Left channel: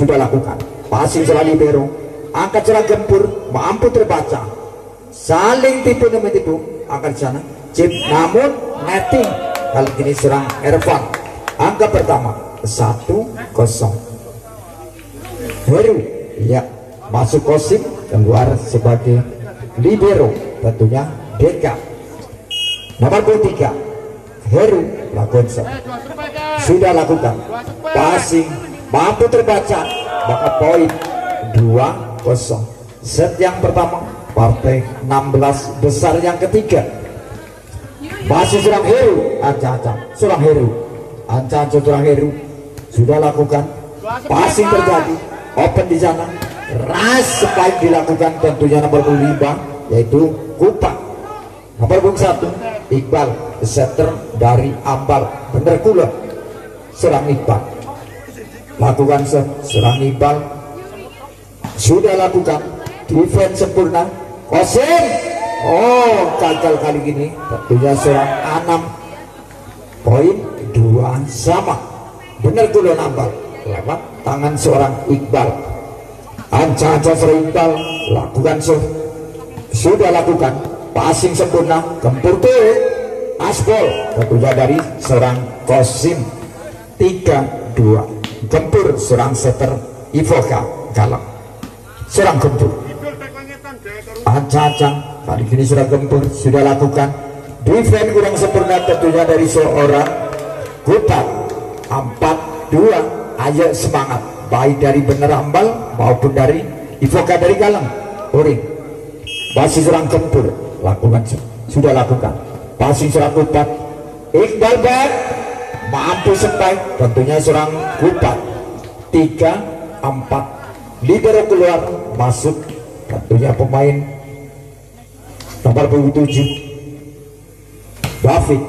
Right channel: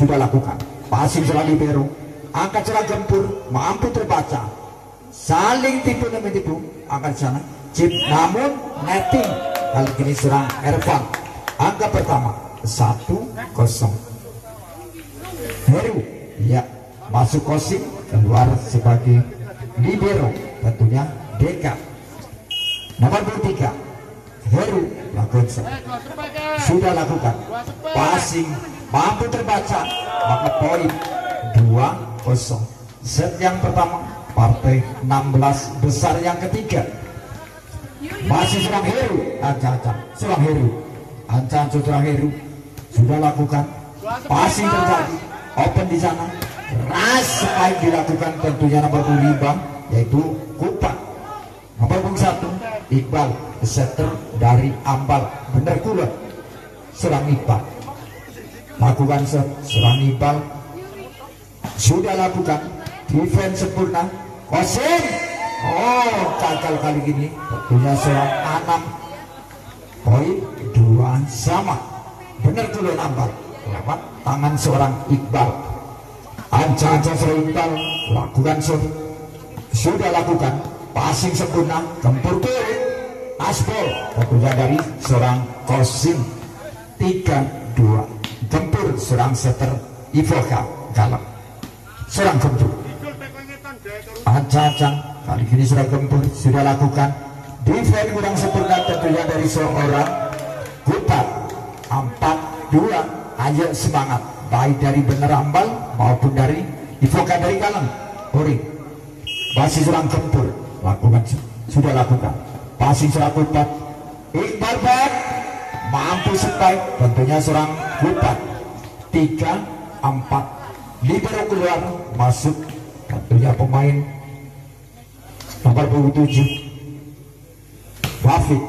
sudah lakukan. Passing serang libero, angkat serang gempur, mampu terbaca. Saling tipu menipu, angkat sana. Chip namun netting. Kali ini serang Ervan. Angka pertama 1-0. Heru ya masuk Kosim, keluar sebagai libero, tentunya Deka. Nomor 23 Heru Lagonsa sudah lakukan passing, mampu terbaca, maka poin 2-0. Set yang pertama partai 16 besar yang ketiga. Masih serang Heru, Anca-anca serang Heru, Anca-anca serang Heru sudah lakukan passing terjadi, open di sana. Ras spike dilakukan tentunya nomor 5 yaitu Kupa. Nomor 1 Iqbal, setter dari Ambal, bener kula serang Iqbal, lakukan serang Iqbal sudah lakukan defense sempurna. Kosim, oh gagal kali ini, tentunya serang Anam, poin 2 sama, bener kula Ambal lewat tangan seorang Iqbal. Anca-anca serang Iqbal, lakukan sudah lakukan passing sempurna, gempur tuh aspol, tentunya dari seorang Kosim. 3-2 gempur serang setter Ivoka Galang, serang gempur. Anca-anca kali ini sudah gempur, sudah lakukan defense kurang sempurna, tentunya dari seorang Kupat. 4-2, ayo semangat baik dari bener Ambal maupun dari Ivoka dari Galang. Uring masih serang gempur, lakukan sudah lakukan passing serang Kupat. Iqbal back, mampu spike, tentunya serang Kupat. 3-4 libero keluar, masuk tentunya pemain nomor 27 David.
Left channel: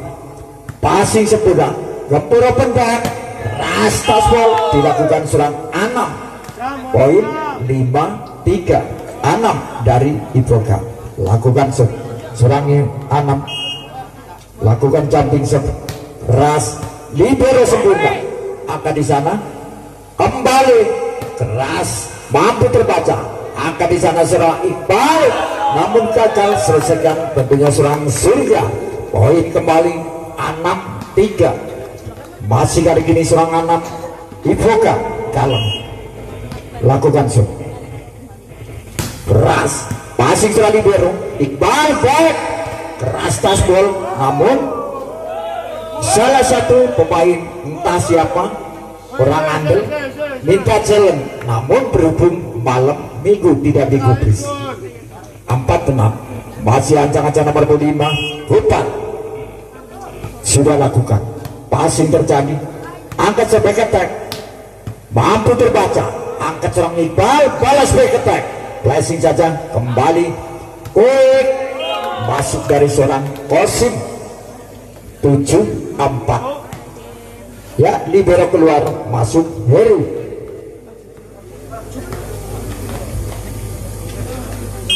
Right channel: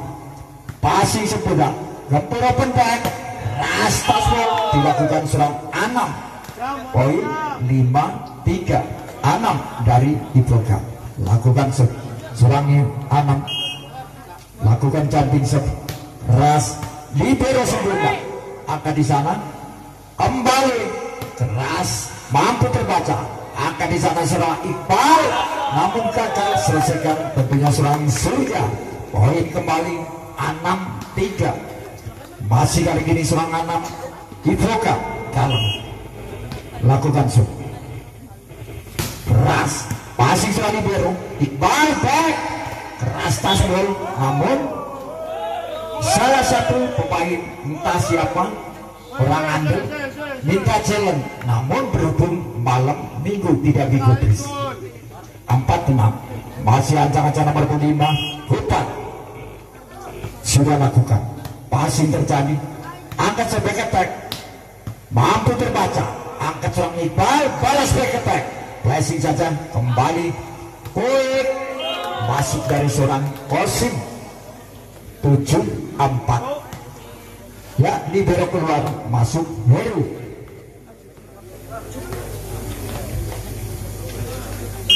Passing sempurna, gempur open back, rasta ball dilakukan serang Anam, poin 5-3. Anam dari Ivoka, lakukan serangnya Anam, lakukan jumping serve, ras libero sempurna, angkat di sana kembali keras, mampu terbaca, angkat di sana serang Iqbal, namun gagal selesaikan tentunya serang Surya, poin kembali 6-3. Masih dari kini serang Anam, Ivoka Galang, lakukan keras passing serang libero, Iqbal back, keras tasbol, namun salah satu pemain entah siapa orang andel minta challenge, namun berhubung malam minggu tidak digubris. 4-6 masih ancang-ancang nomor 5 Hutan sudah lakukan passing terjadi, angkat back attack, mampu terbaca, angkat serang Iqbal, balas back attack, blessing saja kembali quick, masuk dari seorang Kosim. 7-4 ya, libero keluar, masuk Heru.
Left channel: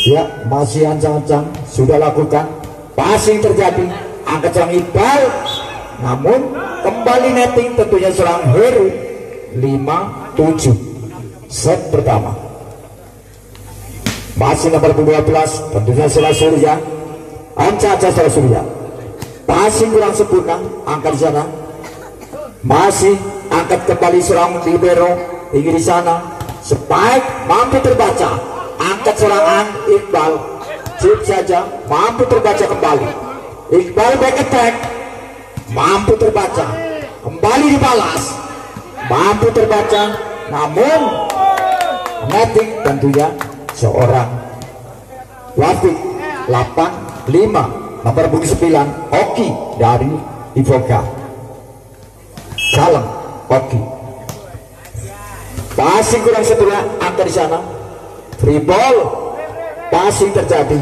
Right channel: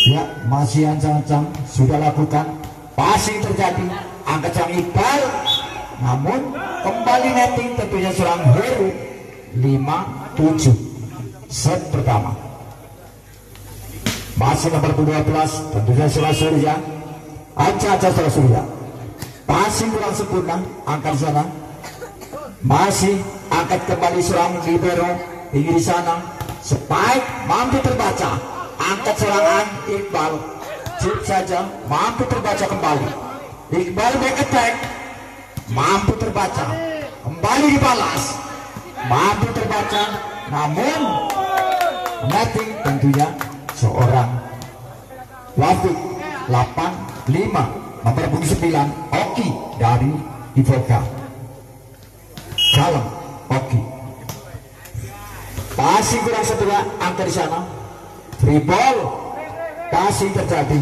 Ya masih ancang-ancang sudah lakukan passing terjadi, angkat serang Iqbal, namun kembali netting tentunya serang Heru. 5-7 set pertama. Masih nomor 12 tentunya serang Surya, Anca-anca serang Surya, passing kurang sempurna, angkat sana, masih angkat kembali serang libero, tinggi di sana, spike mampu terbaca, angkat serangan Iqbal, chip saja mampu terbaca kembali, Iqbal back attack, mampu terbaca, kembali dibalas, mampu terbaca, namun netting tentunya seorang Wafik. 8-5 nomor 9 Oki dari Ivoka Galang. Oki passing kurang sempurna, angkat di sana, free ball, passing terjadi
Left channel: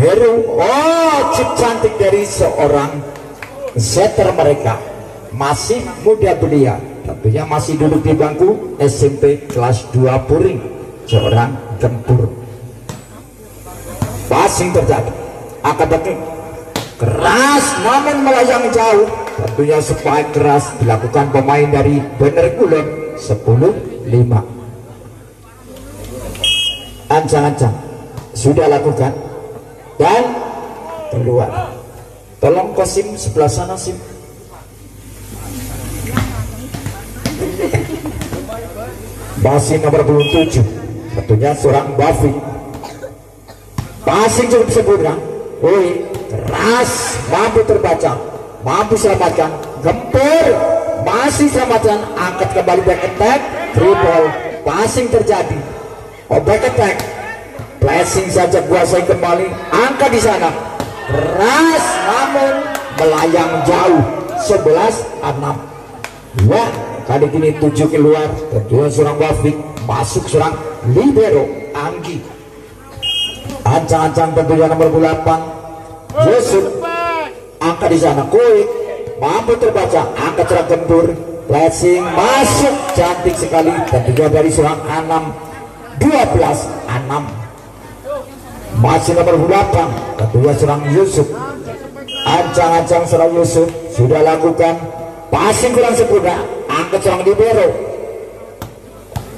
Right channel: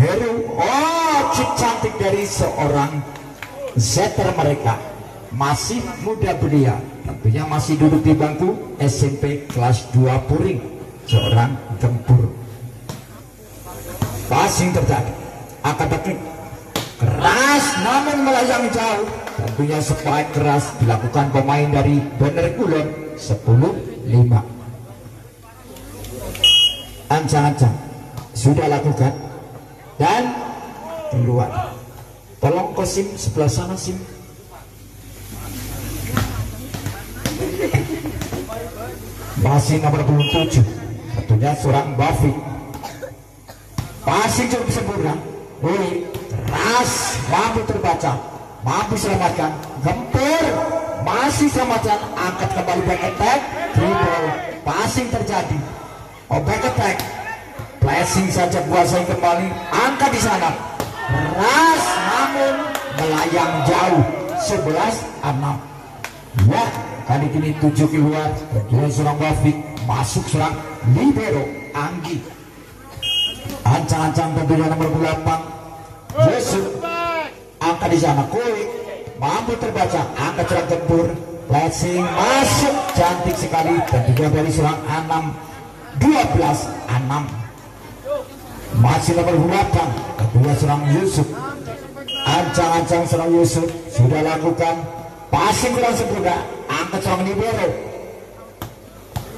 Heru, oh chip cantik dari seorang setter mereka, masih muda belia, tentunya masih duduk di bangku SMP kelas 2 Puring, seorang gempur. Passing terjadi, angkat baki keras namun melayang jauh, tentunya spike keras dilakukan pemain dari Bener Kulon. 10-5 ancang-ancang sudah lakukan dan keluar. Tolong Kosim sebelah sana Sim. Masih nomor 27 tentunya seorang Bafi. Passing cukup sempurna. Woi, keras, mampu terbaca, mampu selamatkan, gempur, masih selamatkan, angkat kembali back attack, triple, passing terjadi, back attack, blessing saja kuasai kembali, angkat di sana, keras, namun melayang jauh, 11-6. Ya, kali ini 7 keluar, kedua seorang Wafik, masuk seorang libero Anggi. Ancang-ancang tentunya nomor 8 Yusuf, angkat di sana, Kuik, mampu terbaca, angkat seorang gempur, blessing masuk, cantik sekali, tentunya dari seorang 6, 12-6. Masih nomor 8 kedua seorang Yusuf, ancang-ancang seorang Yusuf sudah lakukan, passing kurang sempurna, angkat seorang libero,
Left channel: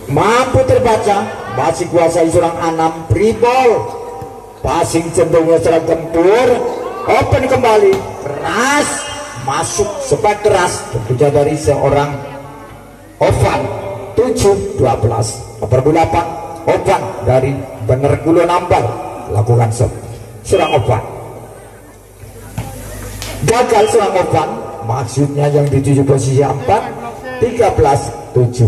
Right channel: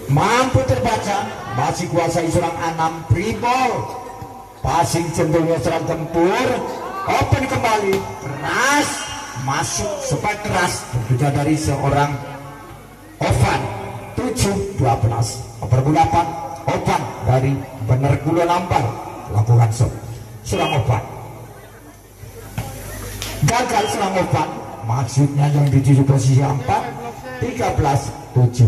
mampu terbaca, masih kuasai seorang 6, triple, passing cenderungnya seorang gempur, open kembali, keras, masuk sepak keras, tentunya dari seorang Ovan, 7-12. Nomor 8 Ovan dari Bener Gula Nampal, lakukan seorang Ovan, gagal seorang Ovan, maksudnya yang dituju posisi 4, 13-7.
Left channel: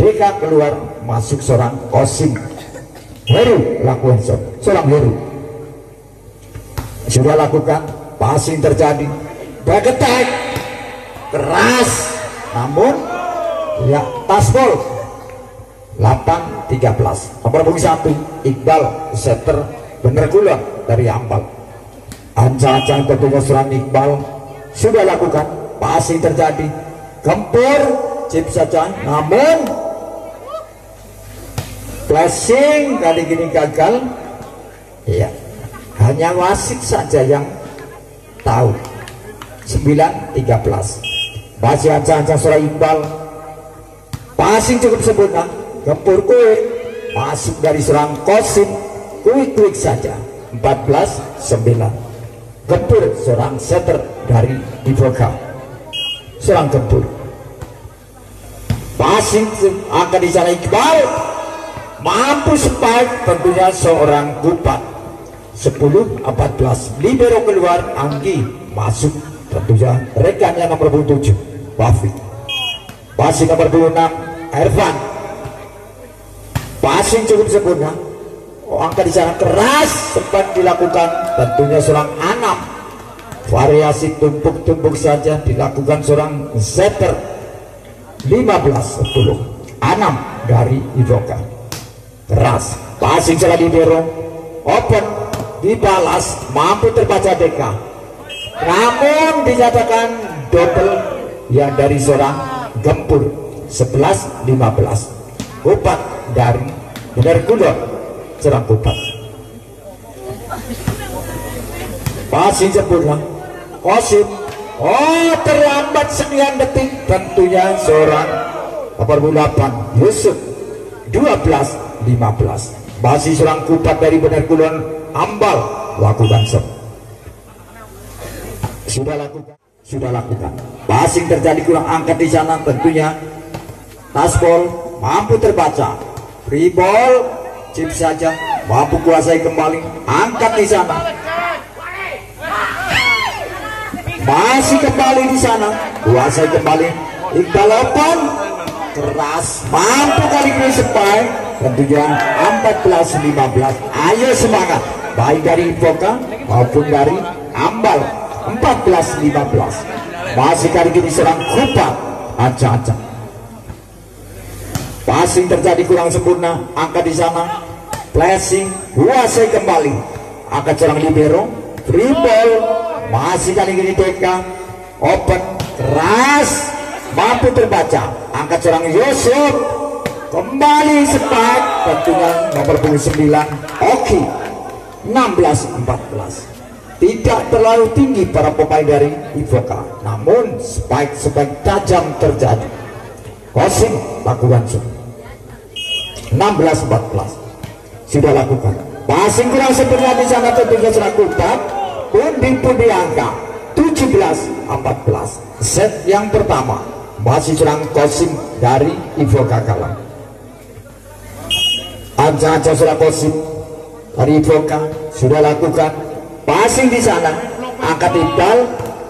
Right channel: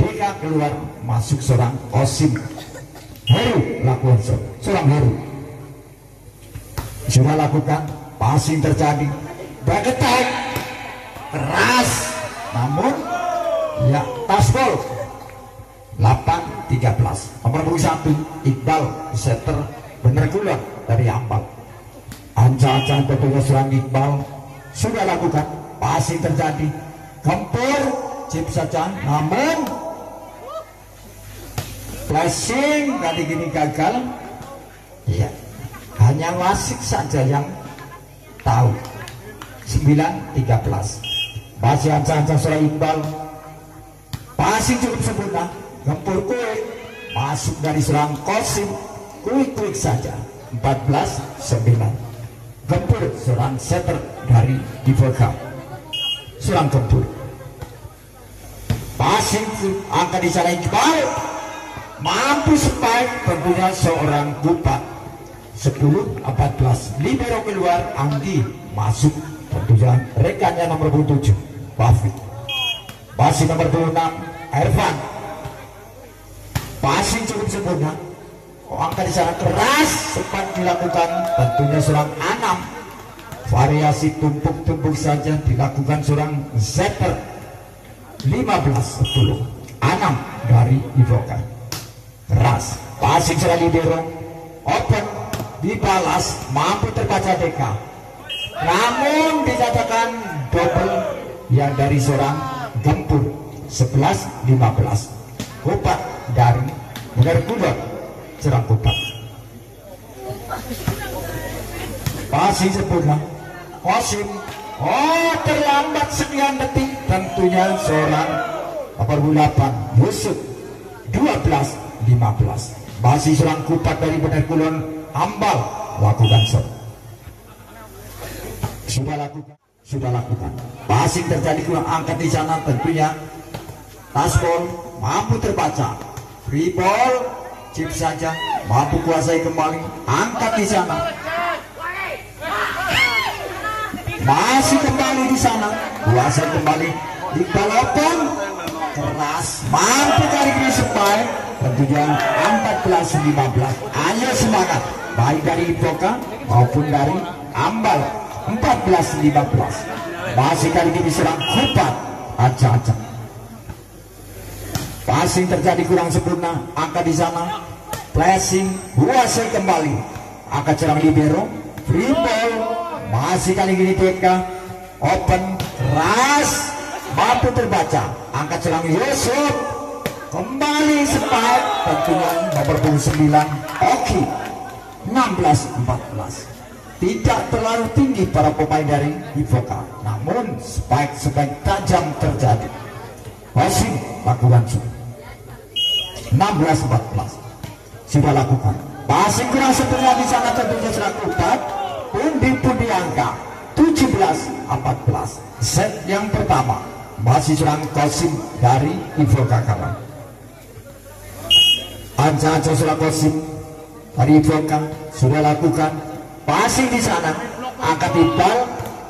Deka keluar, masuk seorang Osim. Heru lakukan seorang Heru sudah lakukan, passing terjadi, back attack, keras, namun ya taspol, 8-13. Nomor 1 Iqbal setter Bener Gula dari Ampal, ancang-ancang tentunya seorang Iqbal sudah lakukan, passing terjadi, gempur, chip saja, namun flashing kali ini gagal. Ya, hanya Wasik saja yang tahu. 9-13. Masih ancang-ancang seorang Iqbal, passing cukup sempurna, gempur Kuik, masuk dari seorang Kosim, Kuik saja, 14-9. Gempur seorang setter dari Divoka, seorang gempur, passing angkat di sana Iqbal, mampu spike, tentunya seorang Kupat, 10-14. Libero keluar, Anggi masuk, tentunya rekannya nomor 27 Wafi. Passing nomor 26 Ervan, passing cukup sempurna, angka di sana keras, sempat dilakukan, tentunya seorang Anam, variasi tumpuk-tumpuk saja dilakukan seorang setter, 15-10. Anam dari Ivoka, keras, passing seorang libero, open, dibalas, mampu terbaca Deka, namun dinyatakan double yang dari seorang Gempur, 11-15. Kupat dari Bener Gula, serang Kupat, passing sempurna, Kosim, terlambat sekian detik, tentunya seorang nomor 8 Yusuf, 12-15. Masih seorang Kupat dari Bener Gula Ambal, lakukan sudah lakukan, passing terjadi kurang angkat di sana, tentunya taspol mampu terbaca, free ball, chip saja, mampu kuasai kembali, angkat di sana, masih kembali di sana, kuasai kembali, Iqbal open, keras, mampu kali ini spike, tentunya 14-15. Ayo semangat, baik dari Ivoka maupun dari Ambal, 14-15. Masih kali ini serang Kupat, acak-acak, passing terjadi kurang sempurna, angkat di sana, flashing, kuasai kembali, angkat serang libero, free ball, masih kali ini Deka, open, keras, mampu terbaca, angkat serang Yusuf, kembali spike, tentunya nomor 29 Oki, 16-14. Tidak terlalu tinggi para pemain dari Ivoka, namun spike tajam terjadi. Kosim lakukan 16-14. sudah lakukan. Passing kurang sempurna di sana tentunya serang Kupat. Pundi-pundi angka 17-14. Set yang pertama masih serang Kosim dari Ivoka Kalam. Anca-anca serang Kosim dari Ivoka sudah lakukan. Passing di sana, angkat Iqbal,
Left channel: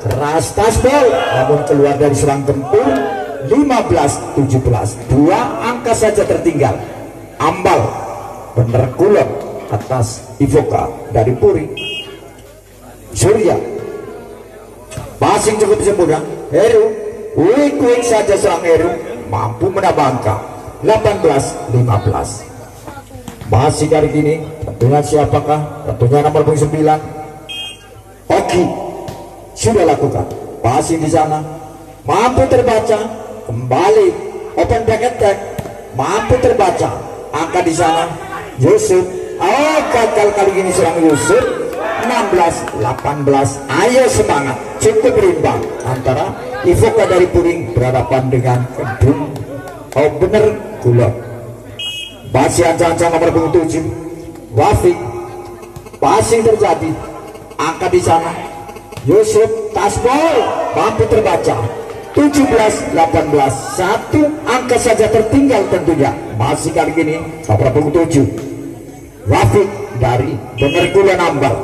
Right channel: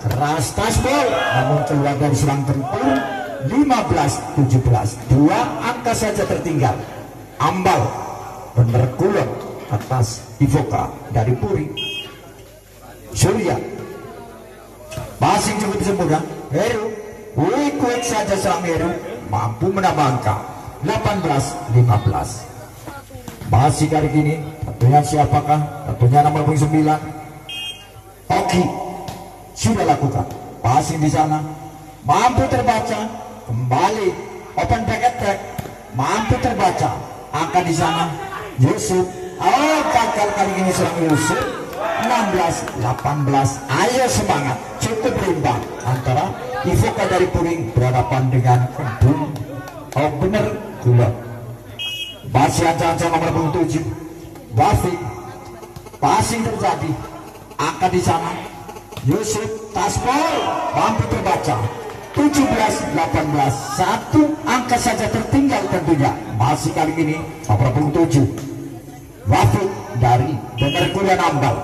keras tasbol, namun keluar dari serang Gempur. 15-17, 2 angka saja tertinggal. Ambal bener kulon atas Ivoka dari Puri. Surya passing cukup sempurna. Heru quick saja serang Heru, mampu menambah angka 18-15. Masih dari gini tentunya siapakah? Tentunya nomor 9 Oki sudah lakukan. Passing di sana mampu terbaca, kembali open back attack, mampu terbaca. Angka di sana Yusuf, gagal kali ini serang Yusuf. 16-18. Ayo semangat, cukup berimbang antara Ivoka dari Puring berhadapan dengan Kedung bener Kulon. Masih ancang-ancang nomor 7 Wafik, passing terjadi, angka di sana Yusuf tasbol, mampu terbaca. 17-18, 1 angka saja tertinggal tentunya. Masih kali ini nomor 7 Wafik dari bener Kulon Ambal.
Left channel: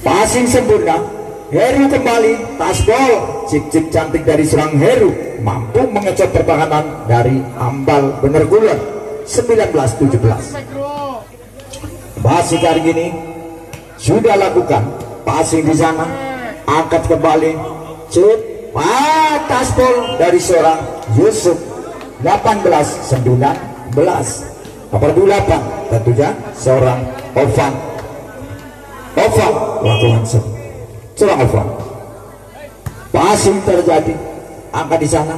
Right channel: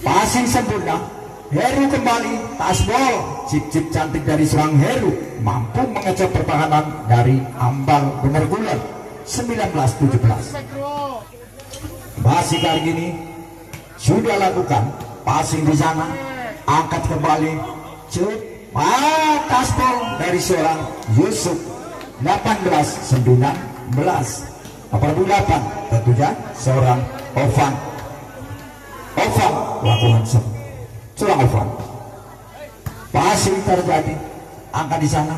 Passing sempurna, Heru kembali, tasbol, cip-cip cantik dari serang Heru, mampu mengecok pertahanan dari Ambal bener Kulon. 19-17. Masih kali ini sudah lakukan. Passing di sana, angkat kembali, cip, tasbol dari seorang Yusuf. 18-19. Nomor 8 tentunya seorang Ovan lakukan serang Ovan. Passing terjadi, angka di sana,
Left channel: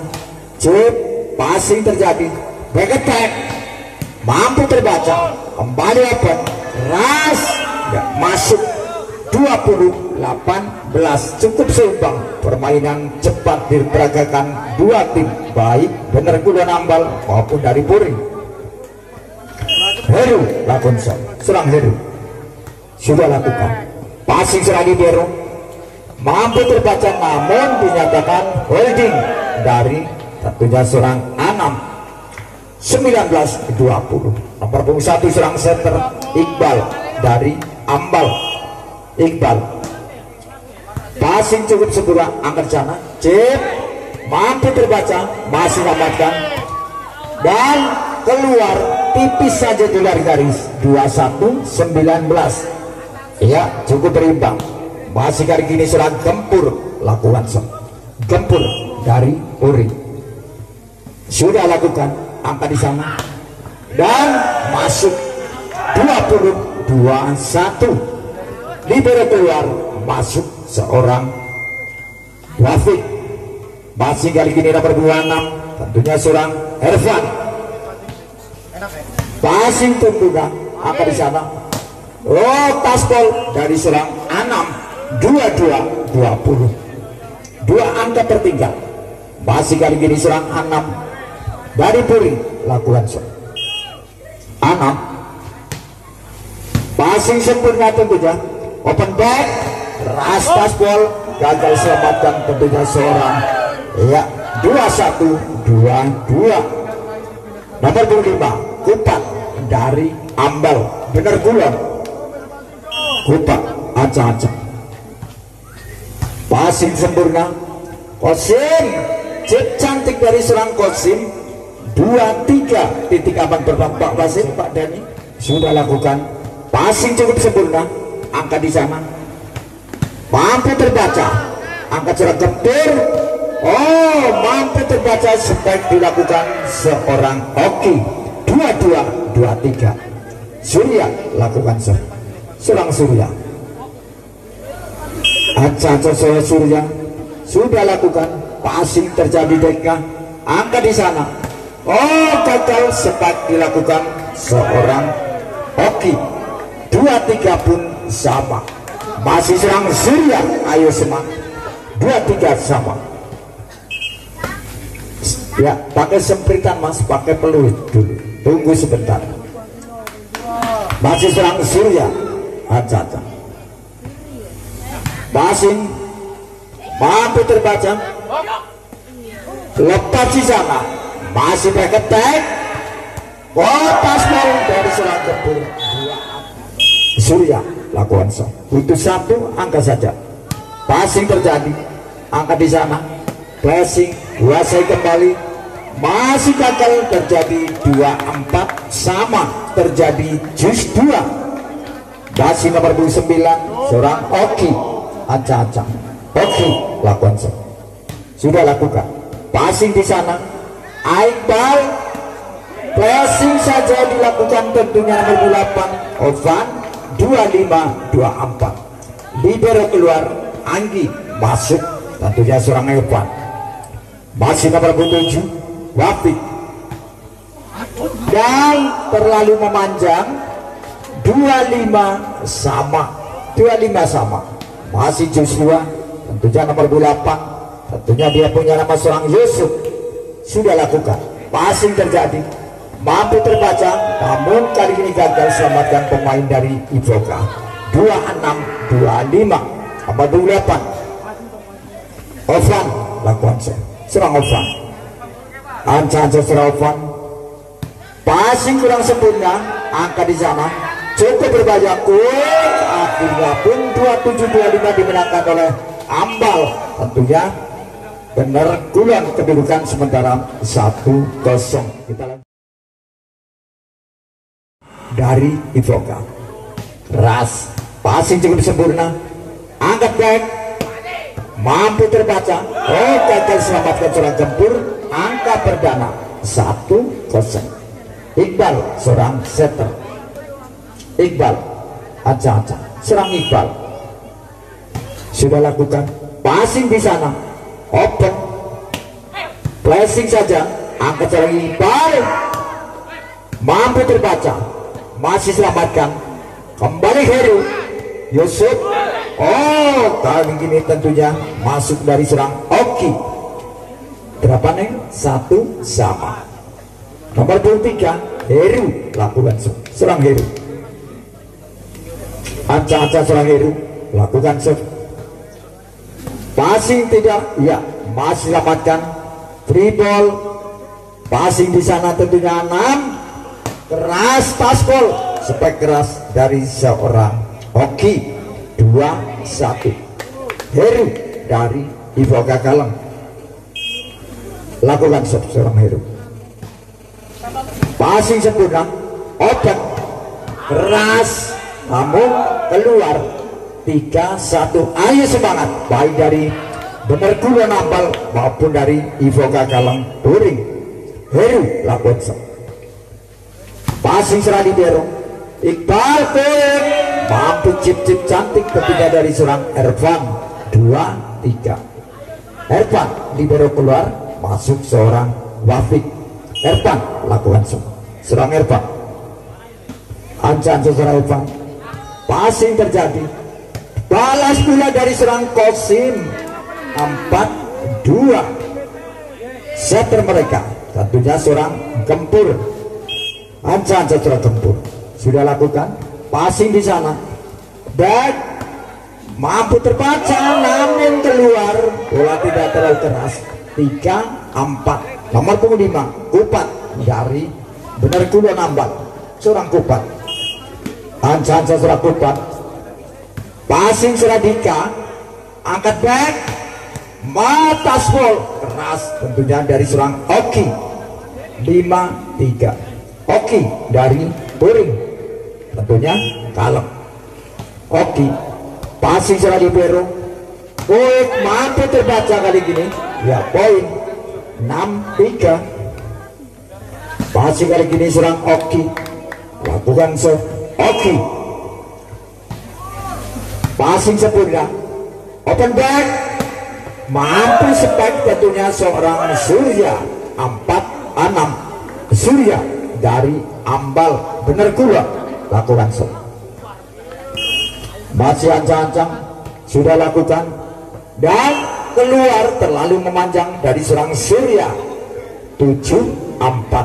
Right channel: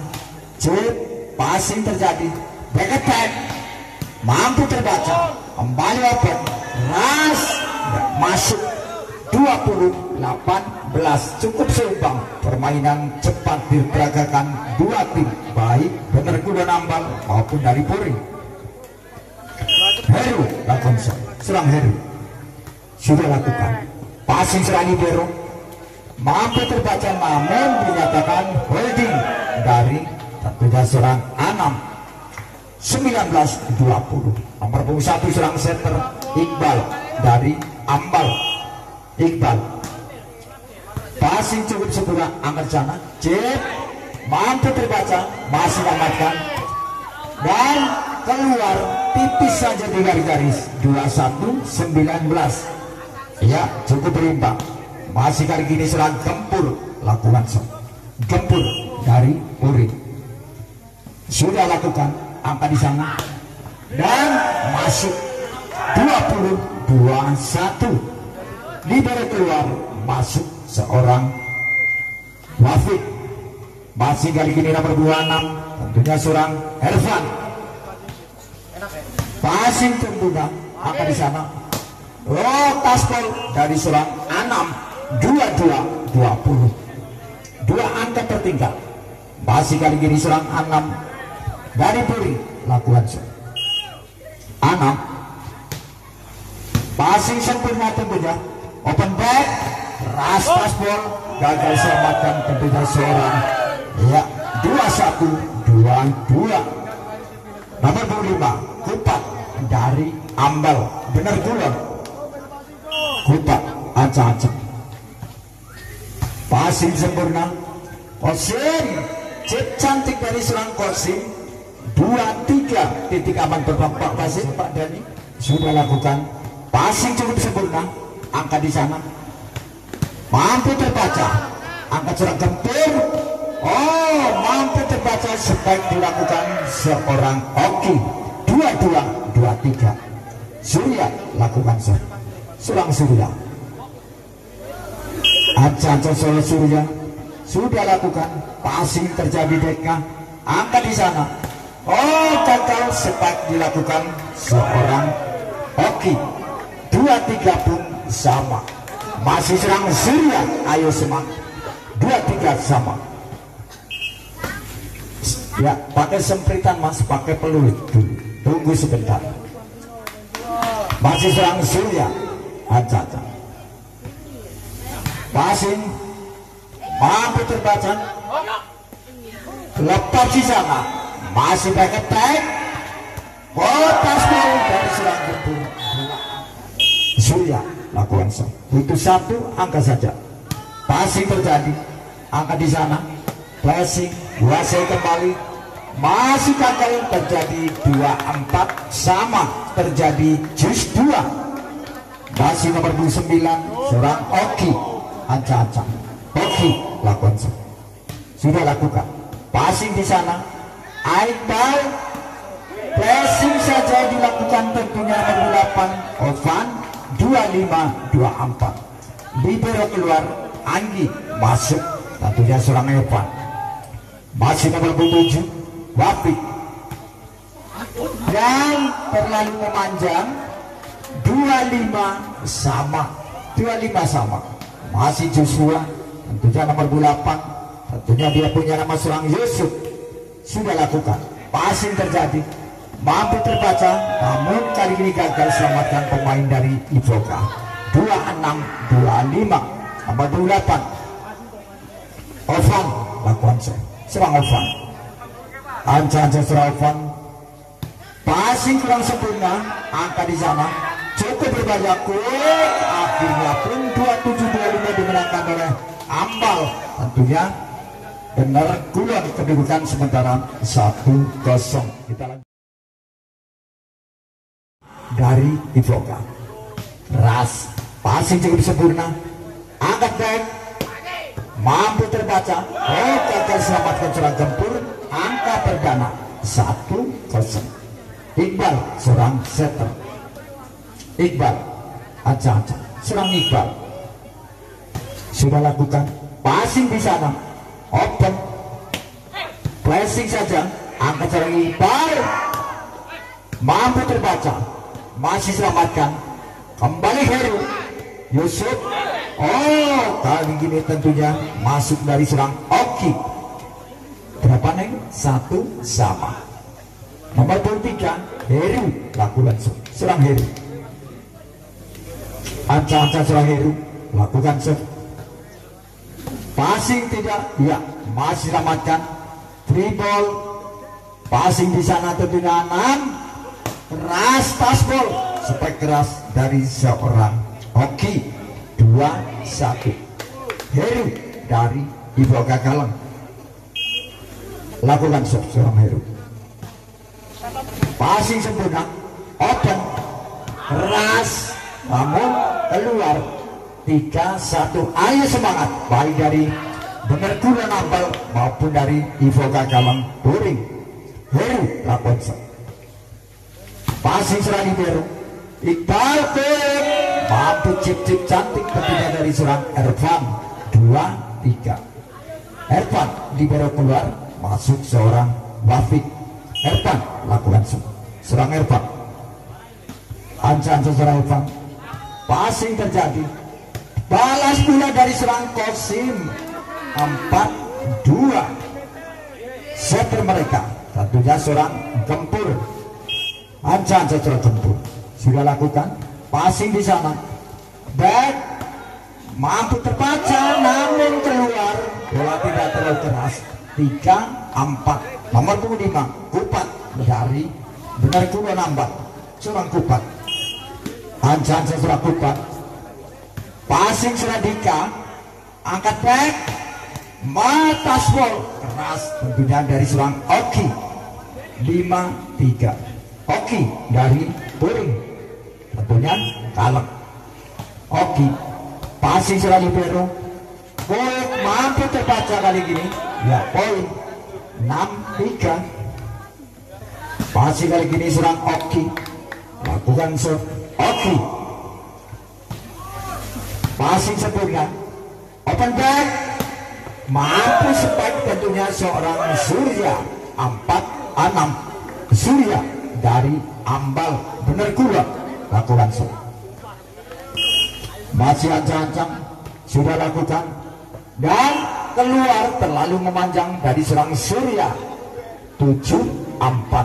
cip, passing terjadi, back attack, mampu terbaca, kembali Ovan, ras, masuk. 20-18, cukup seimbang. Permainan cepat diperagakan dua tim, baik bener Kulon Ambal maupun dari Puri. Heru lakukan serang Heru sudah lakukan. Passing serang Ibero, mampu terbaca namun dinyatakan holding dari tentunya serang Anam. 19-20. Nomor 1 serang center Iqbal dari Ambal. Iqbal passing cukup sempurna, angkat sana, cip, mampu terbaca, masih amankan dan keluar tipis saja di garis. 21-19. Ya, cukup berimbang. Masih kali ini serang Gempur lakukan Gempur dari Uri sudah lakukan, angka di sana dan masuk. 20-21. Libero keluar, masuk seorang Wafik. Masih kali ini nomor 26 tentunya seorang Ervan. Passing tentunya angka di sana, tasbol dari seorang Anam. 22-20, 2 angka tertinggal. Masih kali ini seorang Anam dari Puri lakukan Anam. Passing sempurna tentunya, open back, ras tasbol, gagal selamatkan tentunya seorang 21-22. Nomor 25 Kupat dari Ambal bener Kulon. Kupat acak-acak, passing sempurna, Kosim, cip cantik dari serang Kosim. 2-3 titik aman berpak Kosim. Pak Dani sudah lakukan. Passing cukup sempurna, angka di sana, mampu terbaca, angkat serang Gempur, mampu terbaca, sebaik dilakukan seorang Oki. 22-23. Surya lakukan serang Surya. Acak-acak Surya sudah lakukan. Passing terjadi Deka, angka di sana, gagal, sebaik dilakukan seorang Oki. 2-3 pun sama. Masih serang Surya, ayo semangat. 2-3 sama. Ya, pakai sempritan Mas, pakai peluit dulu. Tunggu sebentar. Masih serang Surya. Ancang-ancang. Passing mampu terbaca. Lepas di sana. Masih back attack. Kotas bola dari serang Gempur. Surya lakukan itu satu angka saja. Passing terjadi, angka di sana. Passing kuasai kembali, masih gagal, terjadi 2-4 sama, terjadi just 2. Masih nomor 29 seorang Oki. Ancang-ancang Oki lakukan sudah lakukan. Passing di sana. Iqbal passing saja dilakukan, tentunya nomor 8 Ovan. 25-24. Libero keluar, Anggi masuk, tentunya seorang Evan. Masih nomor 7 Wafik, dan terlalu memanjang. 25 sama. Masih Joshua, tentunya nomor 8. Tentunya dia punya nama seorang Yusuf. Sudah lakukan. Passing terjadi, mampu terbaca, namun kali ini gagal. Selamatkan pemain dari Ivoka. 26-25. Nomor 28 Ovan lakukan serang Ovan. Ancang-ancang serang Ovan. Passing kurang sempurna, angka di sana cukup berbahaya. Akhirnya pun 27-25 dimenangkan oleh Ambal. Tentunya benar kurang kedudukan sementara 1-0. Kita dari Ivoka. Ras passing cukup sempurna, angkat back, mampu terbaca. Gagal, selamatkan seorang Gempur. Angka perdana 1-0. Iqbal seorang setter. Iqbal ancang-ancang serang Iqbal. Sudah lakukan passing di sana, open flashing saja, angkat seorang Iqbal, mampu terbaca, masih selamatkan. Kembali Heru Yusuf. Kali ini tentunya masuk dari serang Oki. Berapa nih? 1 sama. Nomor 23 Heru lakukan serang Heru. Ancang-ancang serang Heru lakukan passing tidak, ya masih selamatkan. Free ball, passing di sana tentunya 6. Keras paspol, spek keras dari seorang Oki. 2-1. Heru dari Ivoka Kalem lakukan seorang Heru. Passing sempurna, open, keras, namun keluar. 3-1. Ayo semangat, baik dari benar Kulo Nambal maupun dari Ivoka Kalem Touring. Heru lakukan passing serang Libero. Iqbal mampu chip-chip cantik ketika dari serang Ervan. 2-3. Ervan Libero keluar, masuk seorang Wafik. Ervan lakukan serang Ervan. Ancang-ancang serang Ervan. Passing terjadi, balas pula dari serang Kosim. 4-2. Setter mereka tentunya seorang Gempur. Ancang-ancang serang Gempur. Sudah lakukan passing di sana, dan mampu terbaca, namun keluar. Bola tidak terlalu keras. 3-4. Nomor 5 Kupat dari benar Kulo Nambal, seorang Kupat. Ancang-ancang serang Kupat. Passing Seradika, angkat back, mata small, keras tentunya dari seorang Oki. 5-3. Oki dari Touring, tentunya Kalem. Oki passing serang Libero. Poin mampu terbaca kali ini, ya poin 6-3. Passing kali ini serang Oki, lakukan Oki. Passing sempurna, open back, mampu spek tentunya seorang Surya. 4-6. Surya dari Ambal bener gula lakukan masih ancang-ancang, sudah lakukan, dan keluar terlalu memanjang dari serang Surya. 7-4.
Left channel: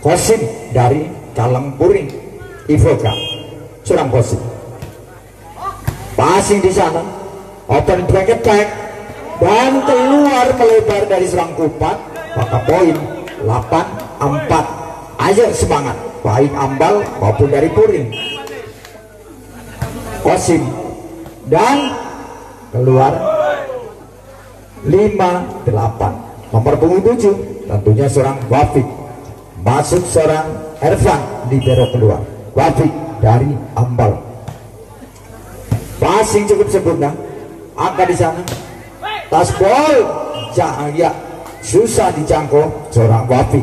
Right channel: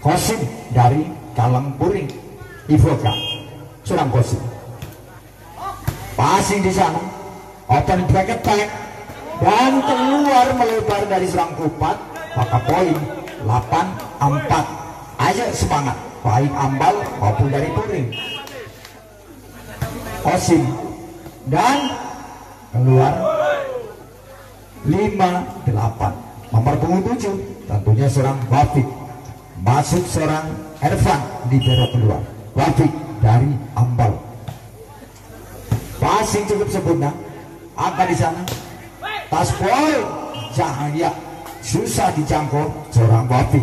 Kosim dari Kalem Puring. Ivoka seorang Kosim. Passing di sana, open break attack dan keluar melebar dari serang Kupat. Maka poin 8-4. Ayo semangat, baik Ambal maupun dari Puri. Kosim dan keluar 5-8. Nomor punggung 7 tentunya seorang Wafik. Masuk seorang Ervan libero keluar. Wafik dari Ambal. Passing cukup sempurna. Angka di sana. Taspol Cahaya susah dijangkau seorang Wafik.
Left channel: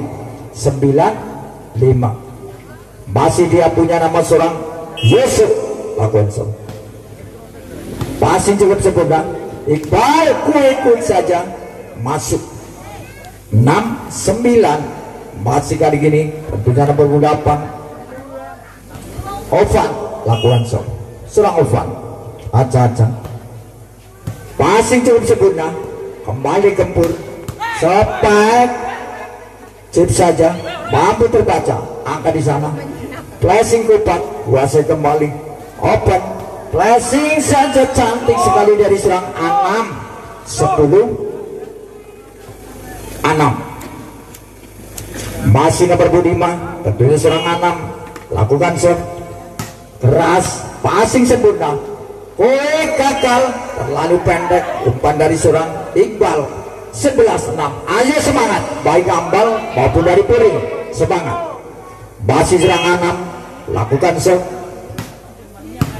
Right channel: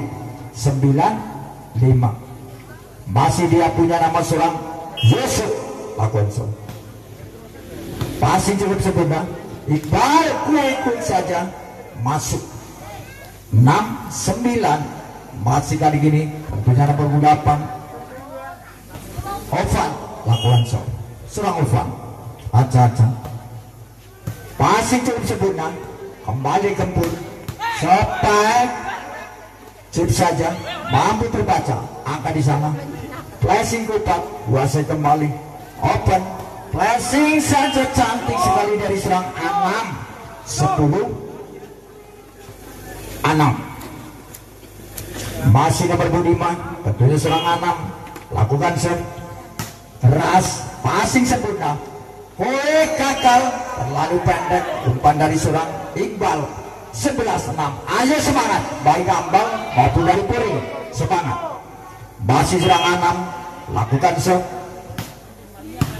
9-5. Masih dia punya nama seorang Yusuf Lakonso. Passing cukup sempurna. Iqbal kuik saja masuk. 6-9. Masih kali gini tentunya nomor 8 Ovan Lakonso. Seorang Ovan aca-aca. Passing cukup sempurna. Kembali Gempur. Sepek chip saja mampu terbaca. Angka di sana. Flashing Kupat kuasai kembali. Open flashing saja cantik sekali dari serang Anam. 10-6. Masih nomor Budiman tentunya serang Anam. Lakukan serve keras. Passing sempurna. Kue gagal terlalu pendek. Umpan dari seorang Iqbal. 11-6. Ayo semangat baik Ambal maupun dari Puri. Semangat. Masih serang Anam. Lakukan serve.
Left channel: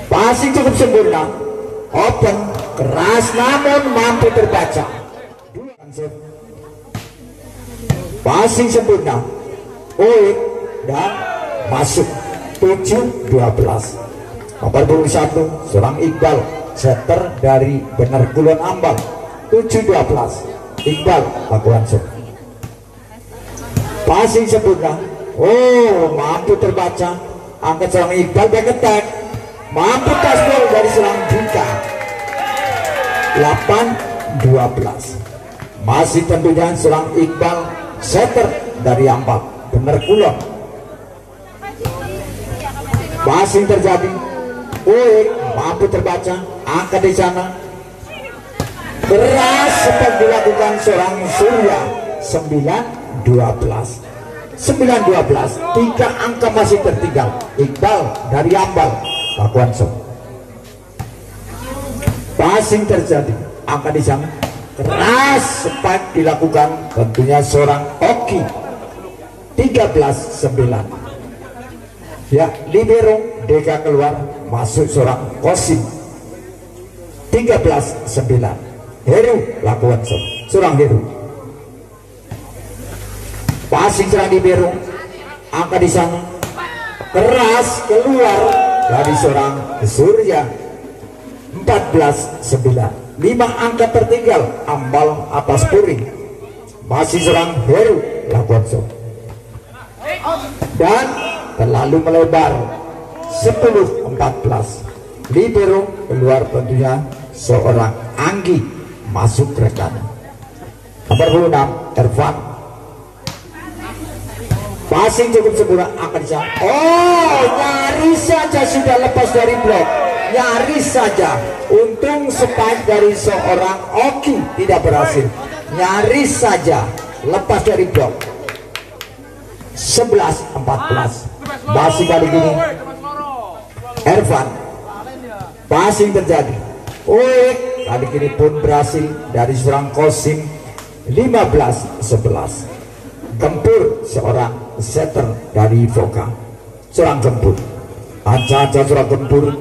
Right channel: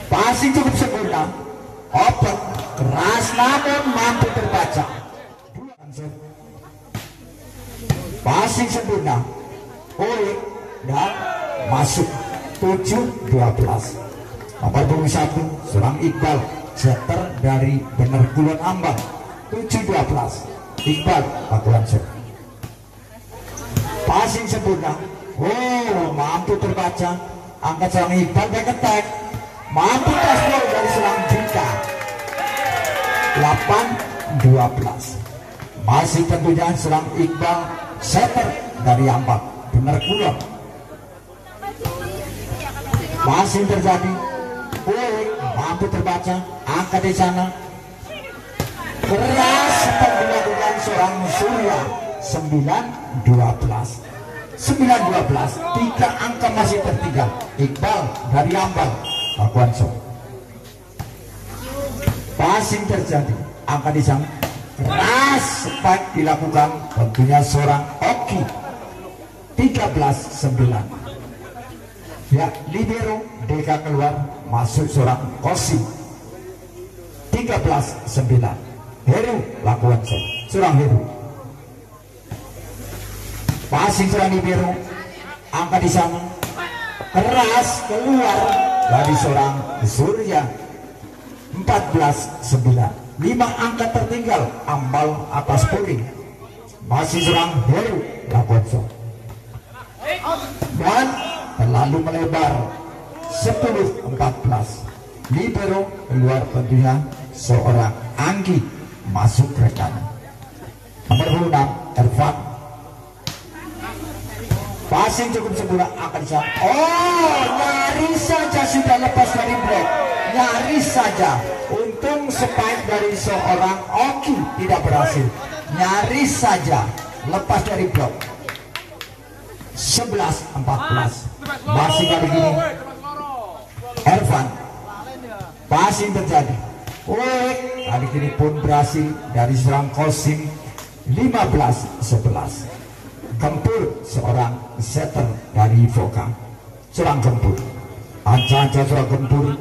Passing cukup sempurna. Open keras namun mampu terbaca. Passing sempurna. Kue dan masuk. 7-12. Nomor 21 seorang Iqbal setter dari Bener Kulon Ambal. 7-12. Iqbal lakukan serve. Passing sempurna. Oh, mampu terbaca. Angkat serang Iqbal back attack. Mampu taspol dari serang Dika. 8-12. Masih tentunya serang Iqbal setter dari Ambal Bener Kulon. Passing terjadi. Mampu terbaca. Angkat di sana. Beras seperti dilakukan seorang Surya. 9-12. 9-12. 3 angka masih tertinggal. Iqbal dari Ambal lakukan serve. Passing terjadi. Angka di sana. Keras spike dilakukan tentunya seorang Oki. 13-9. Ya, libero Deka keluar, masuk seorang Kosim. 13-9. Heru lakukan serve. Seorang Heru. Passing serang libero. Angka di sana. Keras keluar dari seorang Surya. 14-9. 5 angka tertinggal Ambal atas Puri. Masih serang Heru lakukan serve. Dan terlalu melebar. 10-14. Libero keluar tentunya seorang Anggi masuk rekan. Nomor 26 Ervan. Passing cukup sempurna. Akan bisa. Oh, nyaris saja sudah lepas dari blok. Nyaris saja. Untung spike dari seorang Oki tidak berhasil. Nyaris saja lepas dari blok. 11-14. Masih kali ini Ervan. Passing terjadi. Kali ini pun berhasil dari seorang Kosim. 15-11. Gempur seorang setter dari Voka. Seorang Gempur. Aja seorang Gempur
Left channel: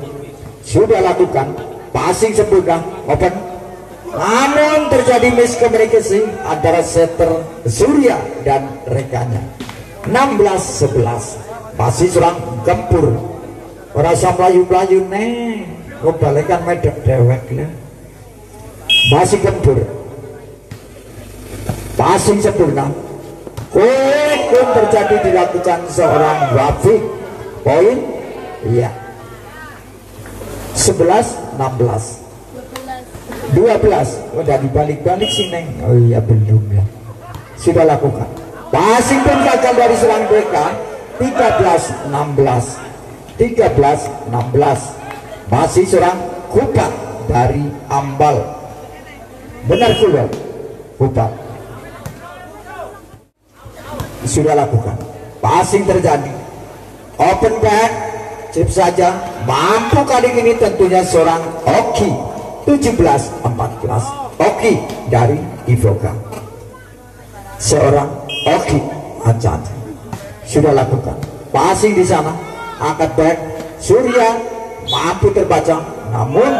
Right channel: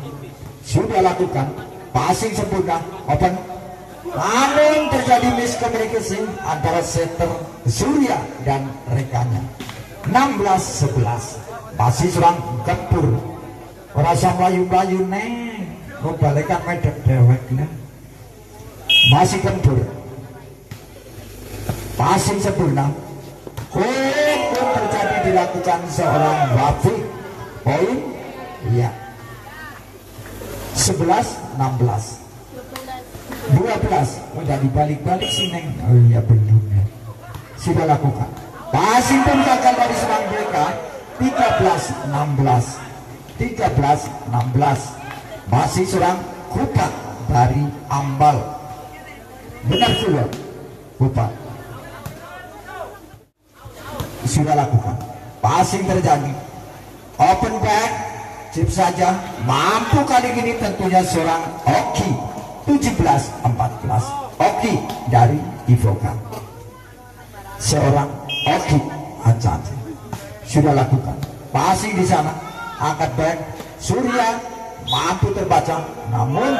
sudah lakukan. Passing sempurna. Open. Namun terjadi miskomunikasi antara setter Surya dan rekannya. 16-11. Masih serang Gempur. Rasa melayu-melayu neng. Kembalikan medek dewek lah. Masih Gempur. Passing sempurna. Pun terjadi dilakukan seorang Wafik. Poin. Iya. 11-16. 12. Udah dibalik-balik sih neng. Oh iya belum ya. Sudah lakukan. Passing pun gagal dari serang mereka. 13-16. 13-16. Masih seorang Kupat dari Ambal. Benar juga Kupat sudah lakukan. Passing terjadi, open back, chip saja. Mampu kali ini tentunya seorang Oki. 17-14. Oki dari Ivoka. Seorang Oki aja sudah lakukan. Passing di sana, angkat back. Surya mampu terbaca, namun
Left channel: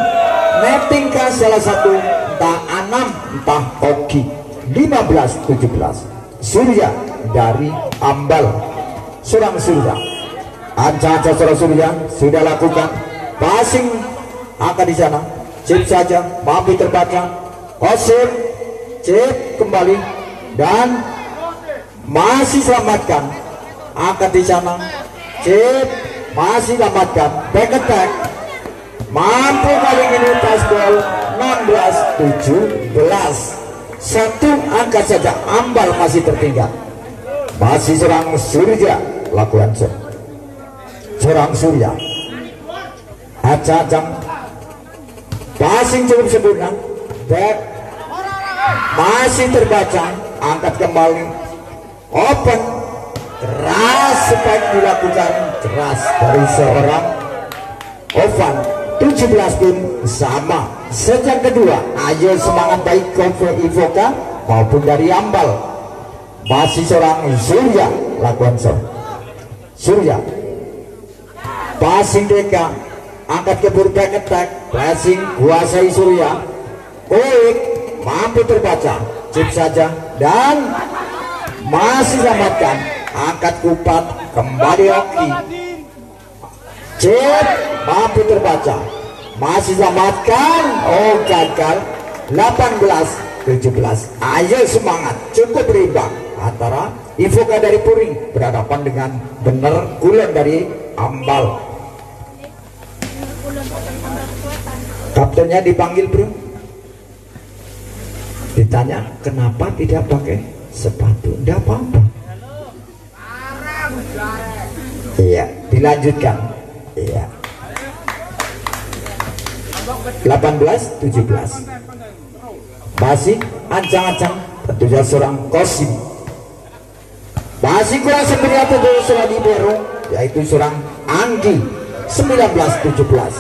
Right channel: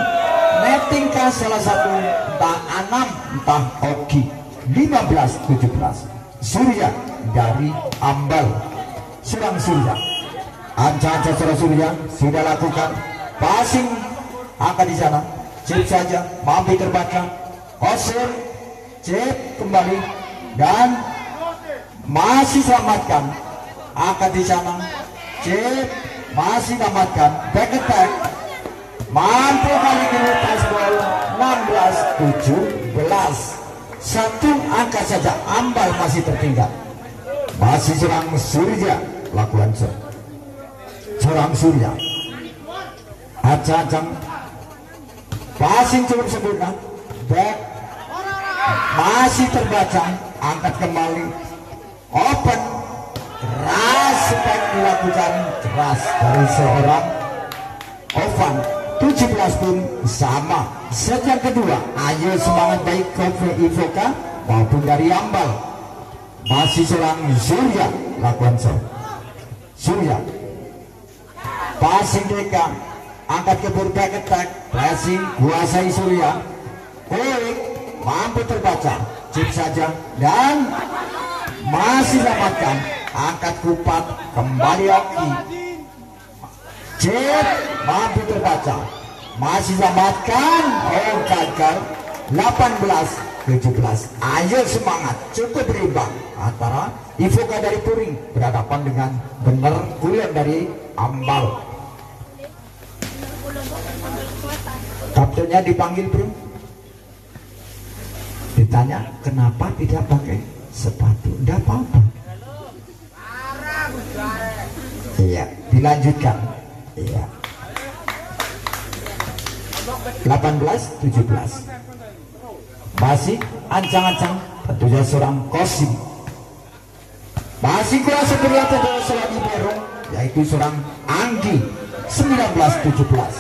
netting ke salah satu entah Anam entah Oki. 15-17. Surya dari Ambal. Seorang Surya, anca-anca seorang Surya sudah lakukan. Passing angkat di sana, chip saja, mampu terbaca. Osim, chip kembali dan masih selamatkan. Angkat di sana, chip masih selamatkan. Back attack, mampu kali ini touchball. 16-17. Satu angka saja Ambal masih tertinggal. Masih serang Surya lakukan serang Surya. Acak-acak passing cukup sempurna. Back masih terbaca, angkat kembali, open keras, spike dilakukan keras dari seorang Ovan. 17 pun sama. Sejak kedua, ayo semangat baik Konvo Ivoka maupun dari Ambal. Masih seorang Surya lakukan Surya. Passing Deka, angkat ke back attack, passing kuasai Surya. Kulik mampu terbaca, chip saja dan masih selamatkan. Angkat Kupat kembali Oki. Chip mampu terbaca, masih selamatkan. Oh gagal. 18-17. Ayo semangat, cukup berimbang antara Ivoka dari Puring berhadapan dengan Bener Gulen dari Ambal. Kaptennya dipanggil bro, ditanya kenapa tidak pakai sepatu. Tidak apa-apa. Iya, dilanjutkan. Iya. 18-17. Masih ancang-ancang tentunya seorang Kosim. Masih kurang sempurna tentunya seorang Ibero, yaitu seorang Anggi. 19-17.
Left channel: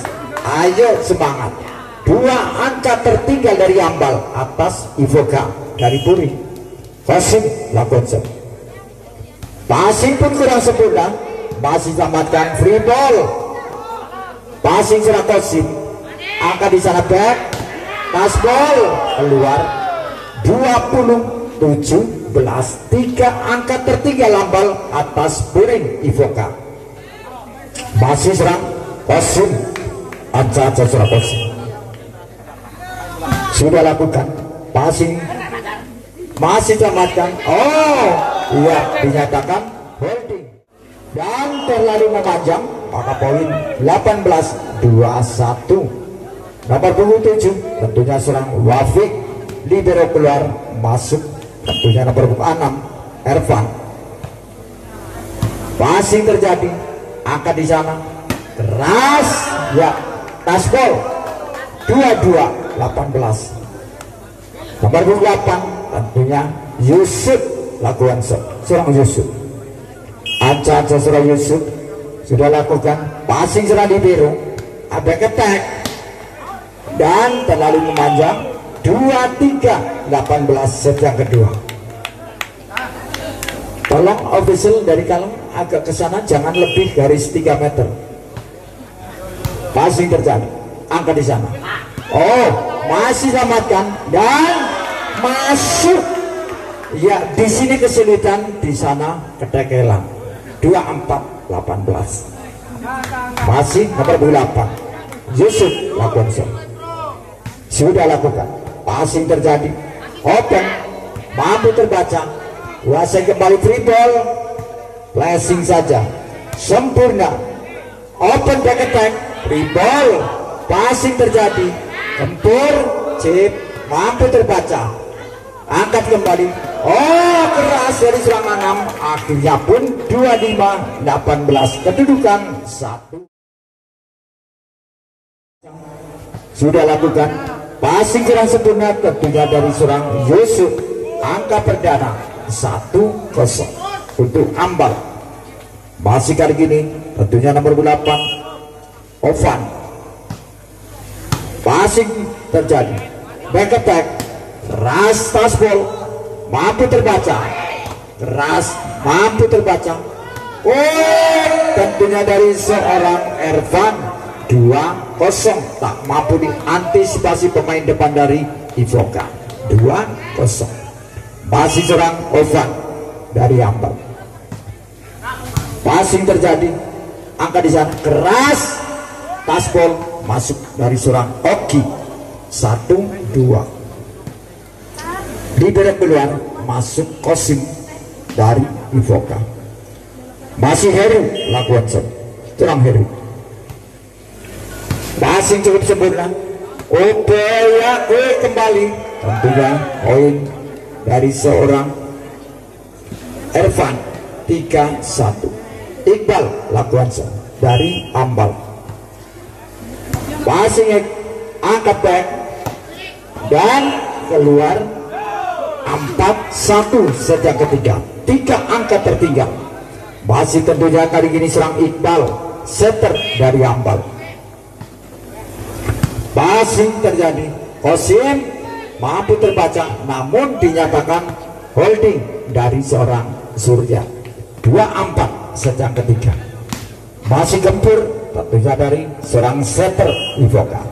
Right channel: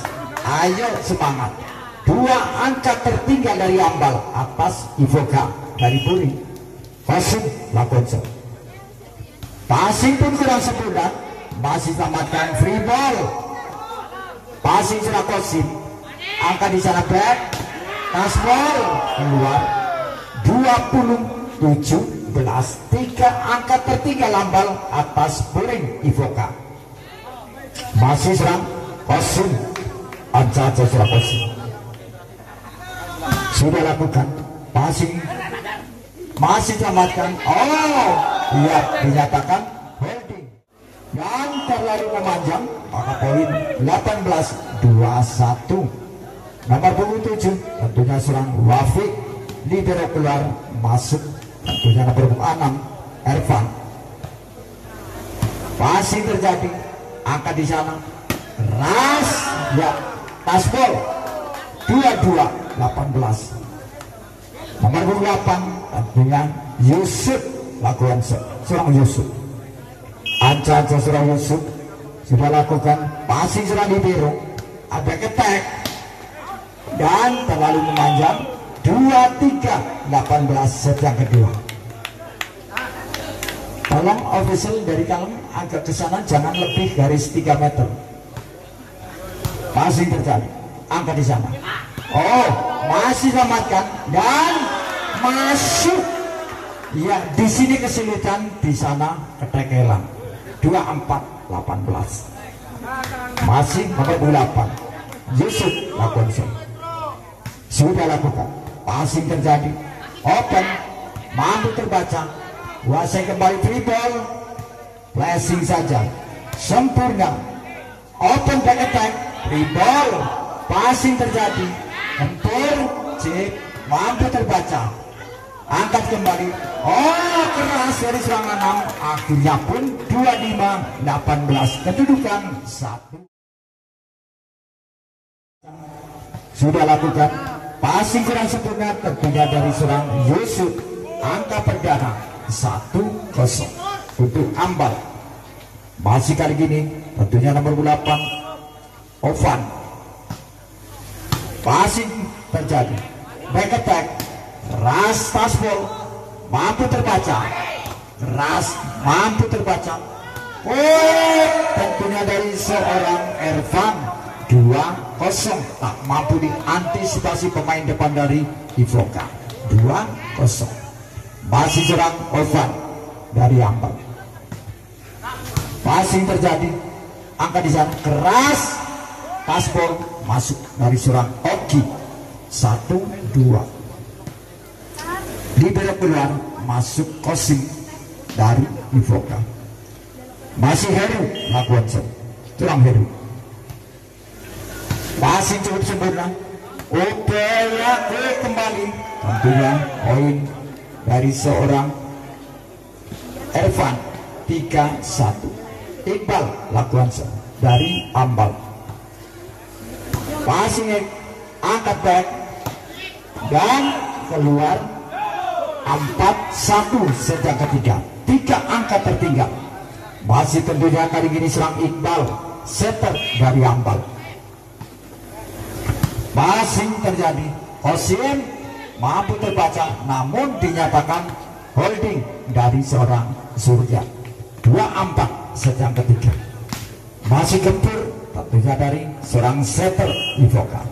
Ayo semangat. Dua angka tertinggal dari Ambal atas Ivoka dari Puring. Kosim lakukan passing pun kurang sempurna. Masih selamatkan free ball. Passing seorang Kosim, angka di sana back, touchball keluar. 27-17. 3 angka tertinggal Ambal atas Puring Ivoka. Masih serang Kosim, anca-anca serang Kosim sudah lakukan passing, masih selamatkan. Oh iya, dinyatakan holding dan terlalu memanjang, maka poin 18-21. Nomor punggung 7 tentunya serang Wafik. Libero keluar, masuk tentunya nomor punggung 6 Ervan. Passing terjadi, angkat di sana keras ya, touchball. 22-18. Nomor 8 tentunya Yusuf lakukan serang Yusuf. Anca-anca serang Yusuf sudah lakukan passing serang Libero, ada ketek dan terlalu memanjang. 23-18 sejak kedua. Tolong official dari Kalem agak ke sana, jangan lebih garis 3 meter. Passing terjadi, angka di sana. Oh, masih selamatkan dan masuk. Ya, di sini kesulitan, di sana ketekelan. 24-18. Masih nomor 8 Yusuf lakukan sudah lakukan passing terjadi, open mampu terbaca, kuasai kembali free ball, flashing saja sempurna, open back attack, free ball, passing terjadi, tempur, chip mampu terbaca, angkat kembali. Oh, keras dari serang Anam. Akhirnya pun 25-18, kedudukan 1. Sudah lakukan passing kurang sempurna tentunya dari serang Yusuf. Angka perdana 1-0 untuk Ambal. Masih kali gini tentunya nomor 8 Ovan. Passing terjadi, back attack, keras tasbol, mampu terbaca, keras mampu terbaca. Oh, tentunya dari seorang Ervan 2-0, tak mampu diantisipasi pemain depan dari Ivoka. 2-0. Masih serang Ovan dari Ambal. Passing terjadi, angka di sana keras, tasbol masuk dari seorang Oki. 1-2. Di belok keluar masuk Kosim dari Ivoka. Masih Heru lakukan serang Heru. Passing cukup sempurna. Upaya kembali, tentunya poin dari seorang Ervan. 3-1. Iqbal lakukan dari Ambal. Passing angkat back dan keluar 4-1 sejak ketiga. 3 angka tertinggal. Masih tentunya kali ini serang Iqbal, setter dari Ambal. Passing terjadi, Kosim mampu terbaca namun dinyatakan holding dari seorang Surya. 2-4 sejak ketiga. Masih gempur tentunya dari seorang setter Ivoka.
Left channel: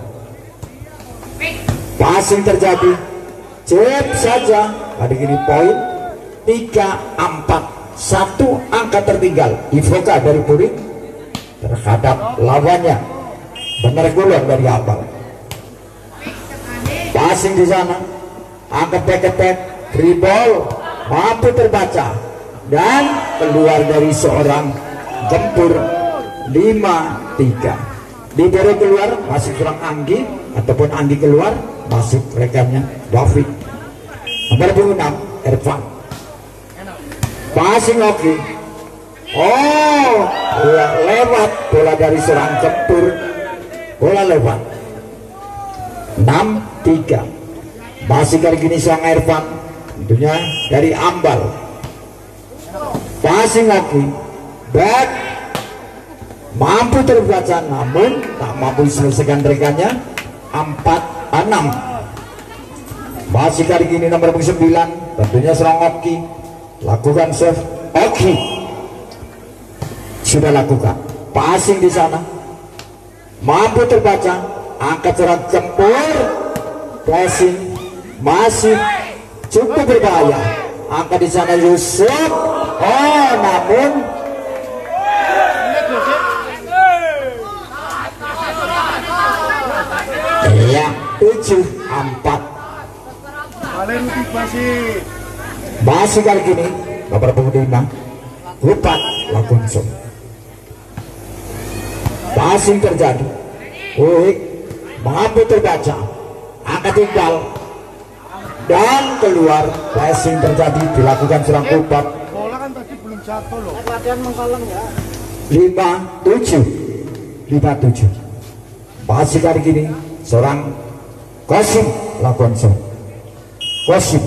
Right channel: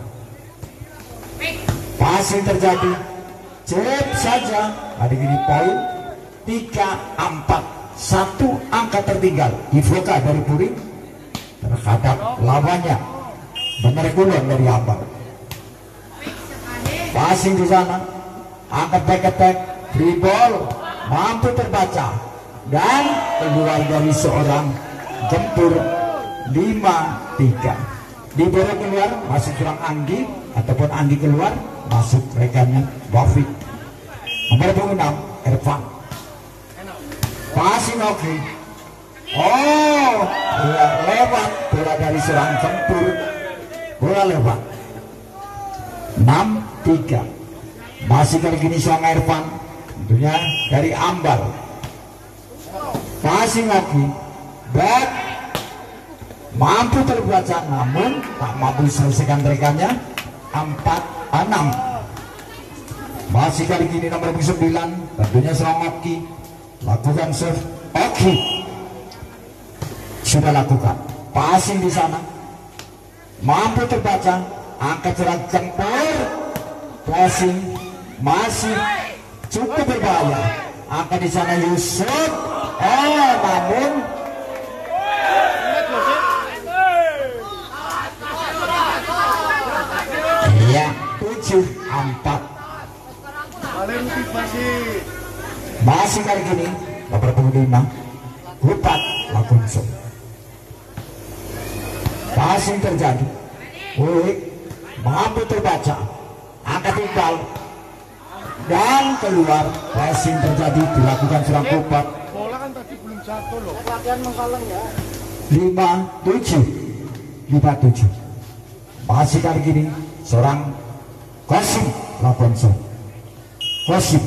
Passing terjadi, chip saja. Kali ini poin 3-4, 1 angka tertinggal Ivoka dari Puring terhadap lawannya. Benar golong dari Ambal. Passing di sana, angkat back attack, free ball, mampu terbaca dan keluar dari seorang gempur. 5-3. Di bawah keluar masih kurang Anggi, ataupun Anggi keluar masuk rekannya David. Nomor 26 Ervan. Passing oke. Oh, lewat bola dari seorang gempur. Bola lewat. 6-3. Masih kali gini seorang Ervan, tentunya dari Ambal. Passing oke. Back mampu terbaca namun tak mampu selesaikan rekannya. 4-6. Masih kali ini nomor 9 tentunya serang Oki. Lakukan serve Oki. Sudah lakukan passing di sana, mampu terbaca, angkat serang gempur, passing masih cukup berbahaya. Angkat di sana Yusuf. Oh, namun ya 7-4. Masih kali gini nomor 25 Lupat langsung. Passing terjadi, Wik mampu terbaca, angkat tinggal dan keluar. Passing terjadi, dilakukan serang Lupat. Bola kan tadi belum jatuh loh. Latihan mengkolong ya. 5-7. Masih kali gini seorang Kosim lakukan Kosim.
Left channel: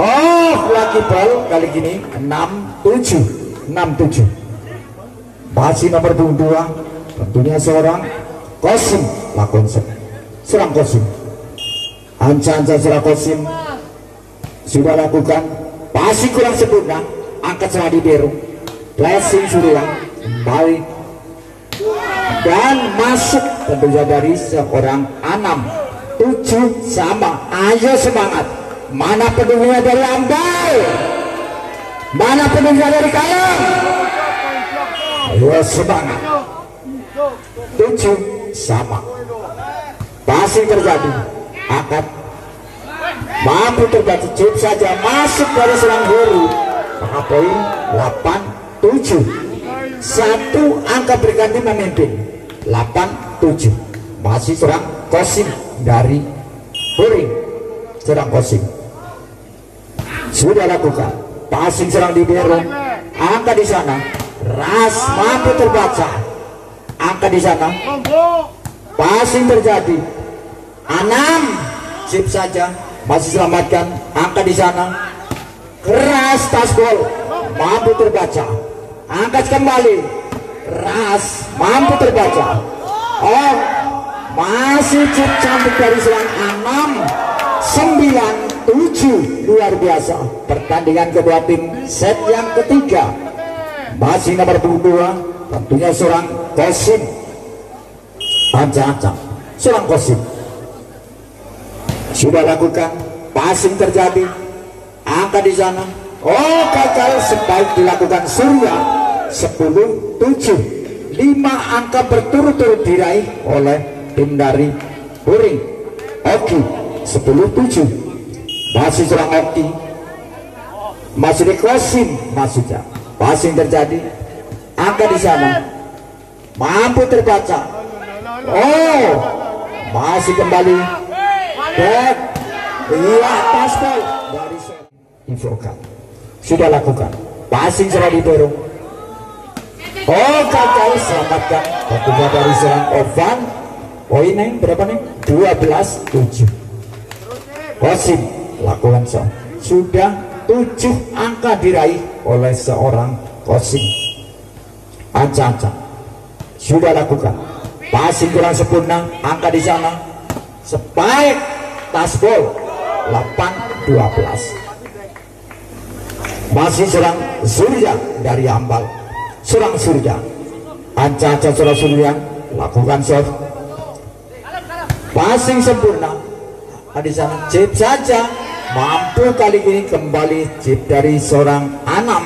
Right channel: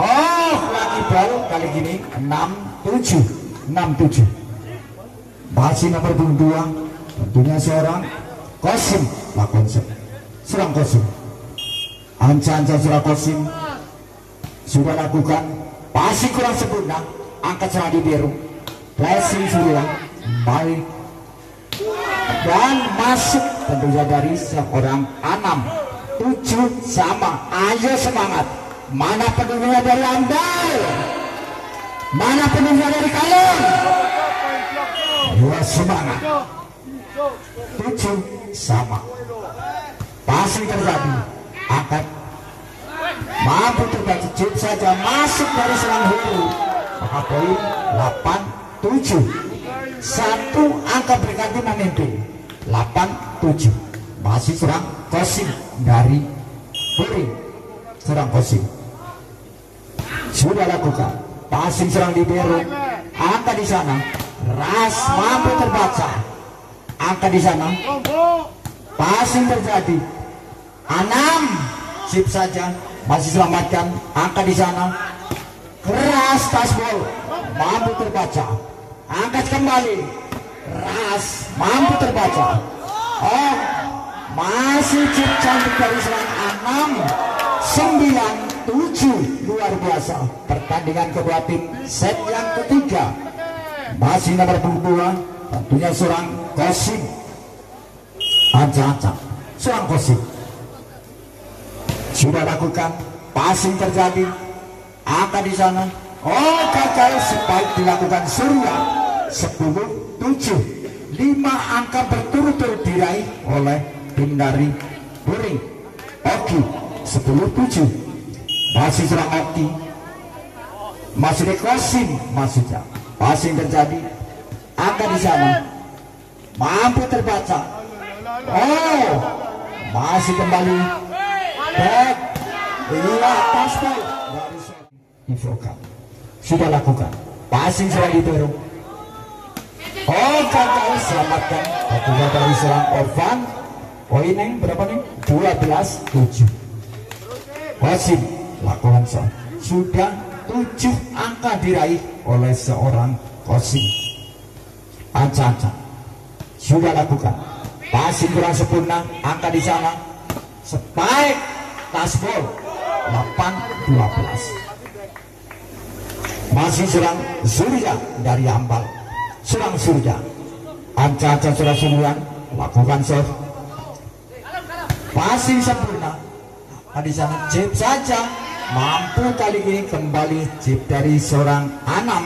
Oh, lagi bal kali gini 6-7. Masih nomor 22 tentunya seorang Kosim lakukan serang Kosim. Anca serang Kosim sudah lakukan. Pasti kurang sempurna, angkat serang di Beru. Blessing sudah baik dan masuk tentunya dari seorang Anam. 7 sama. Ayo semangat. Mana penuhnya dari Ambal, mana penuhnya dari Kalong. Ayo semangat. 7 sama. Passing terjadi, angkat mampu terbaca, chip saja masuk dari serang Heru. Maka poin 8-7. 1 angka berganti memimpin. 8-7. Masih serang Kosim dari Puring. serang Kosim. Sudah lakukan passing serang libero, angka di sana. Ras mampu terbaca, angka di sana. Passing terjadi. Anam sip saja, masih selamatkan, angka di sana. Keras tasbol mampu terbaca, angkat kembali. Ras mampu terbaca. Oh, masih cukup cantik dari serang 6-9-7. Luar biasa pertandingan kedua tim set yang ketiga. Masih nomor 22 tentunya seorang Kosim. Ancang-ancang seorang Kosim sudah lakukan passing terjadi, angka di sana. Oh, gagal, sebaik dilakukan Surya. 10-7. 5 angka berturut-turut diraih oleh tim dari Puring. Oki 10-7. Masih serang Oki, masih di Kosim, masuknya passing terjadi, angka di sana mampu terbaca. Oh, masih kembali back. Iya, tasbol dari Infokan sudah lakukan passing serang didorong. Oh, gagal, selamatkan tentunya dari serang Ovan. Poinnya berapa nih? 12-7. Kosim lakukan sudah 7 angka diraih oleh seorang Kosim. Ancang-ancang sudah lakukan passing kurang sempurna, angka di sana. Spike tasbol 8-12. Masih serang Surya dari Ambal. Serang Surya, ancang-ancang serang Surya, lakukan serve. Passing sempurna, di sana chip saja. Mampu kali ini kembali chip dari seorang Anam.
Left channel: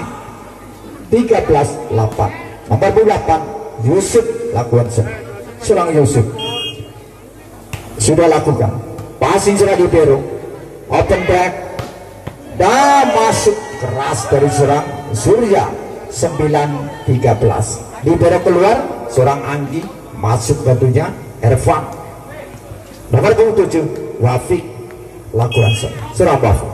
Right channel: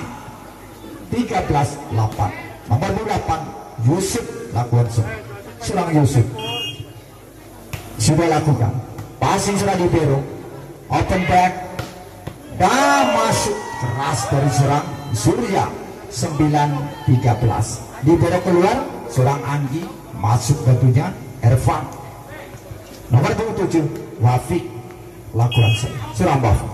13-8. Nomor 8 Yusuf lakukan serang Yusuf sudah lakukan passing serang libero, open back dan masuk keras dari serang Surya. 9-13. Libero keluar, serang Anggi masuk tentunya Ervan. Nomor 27 Wafik lakukan serang Wafik.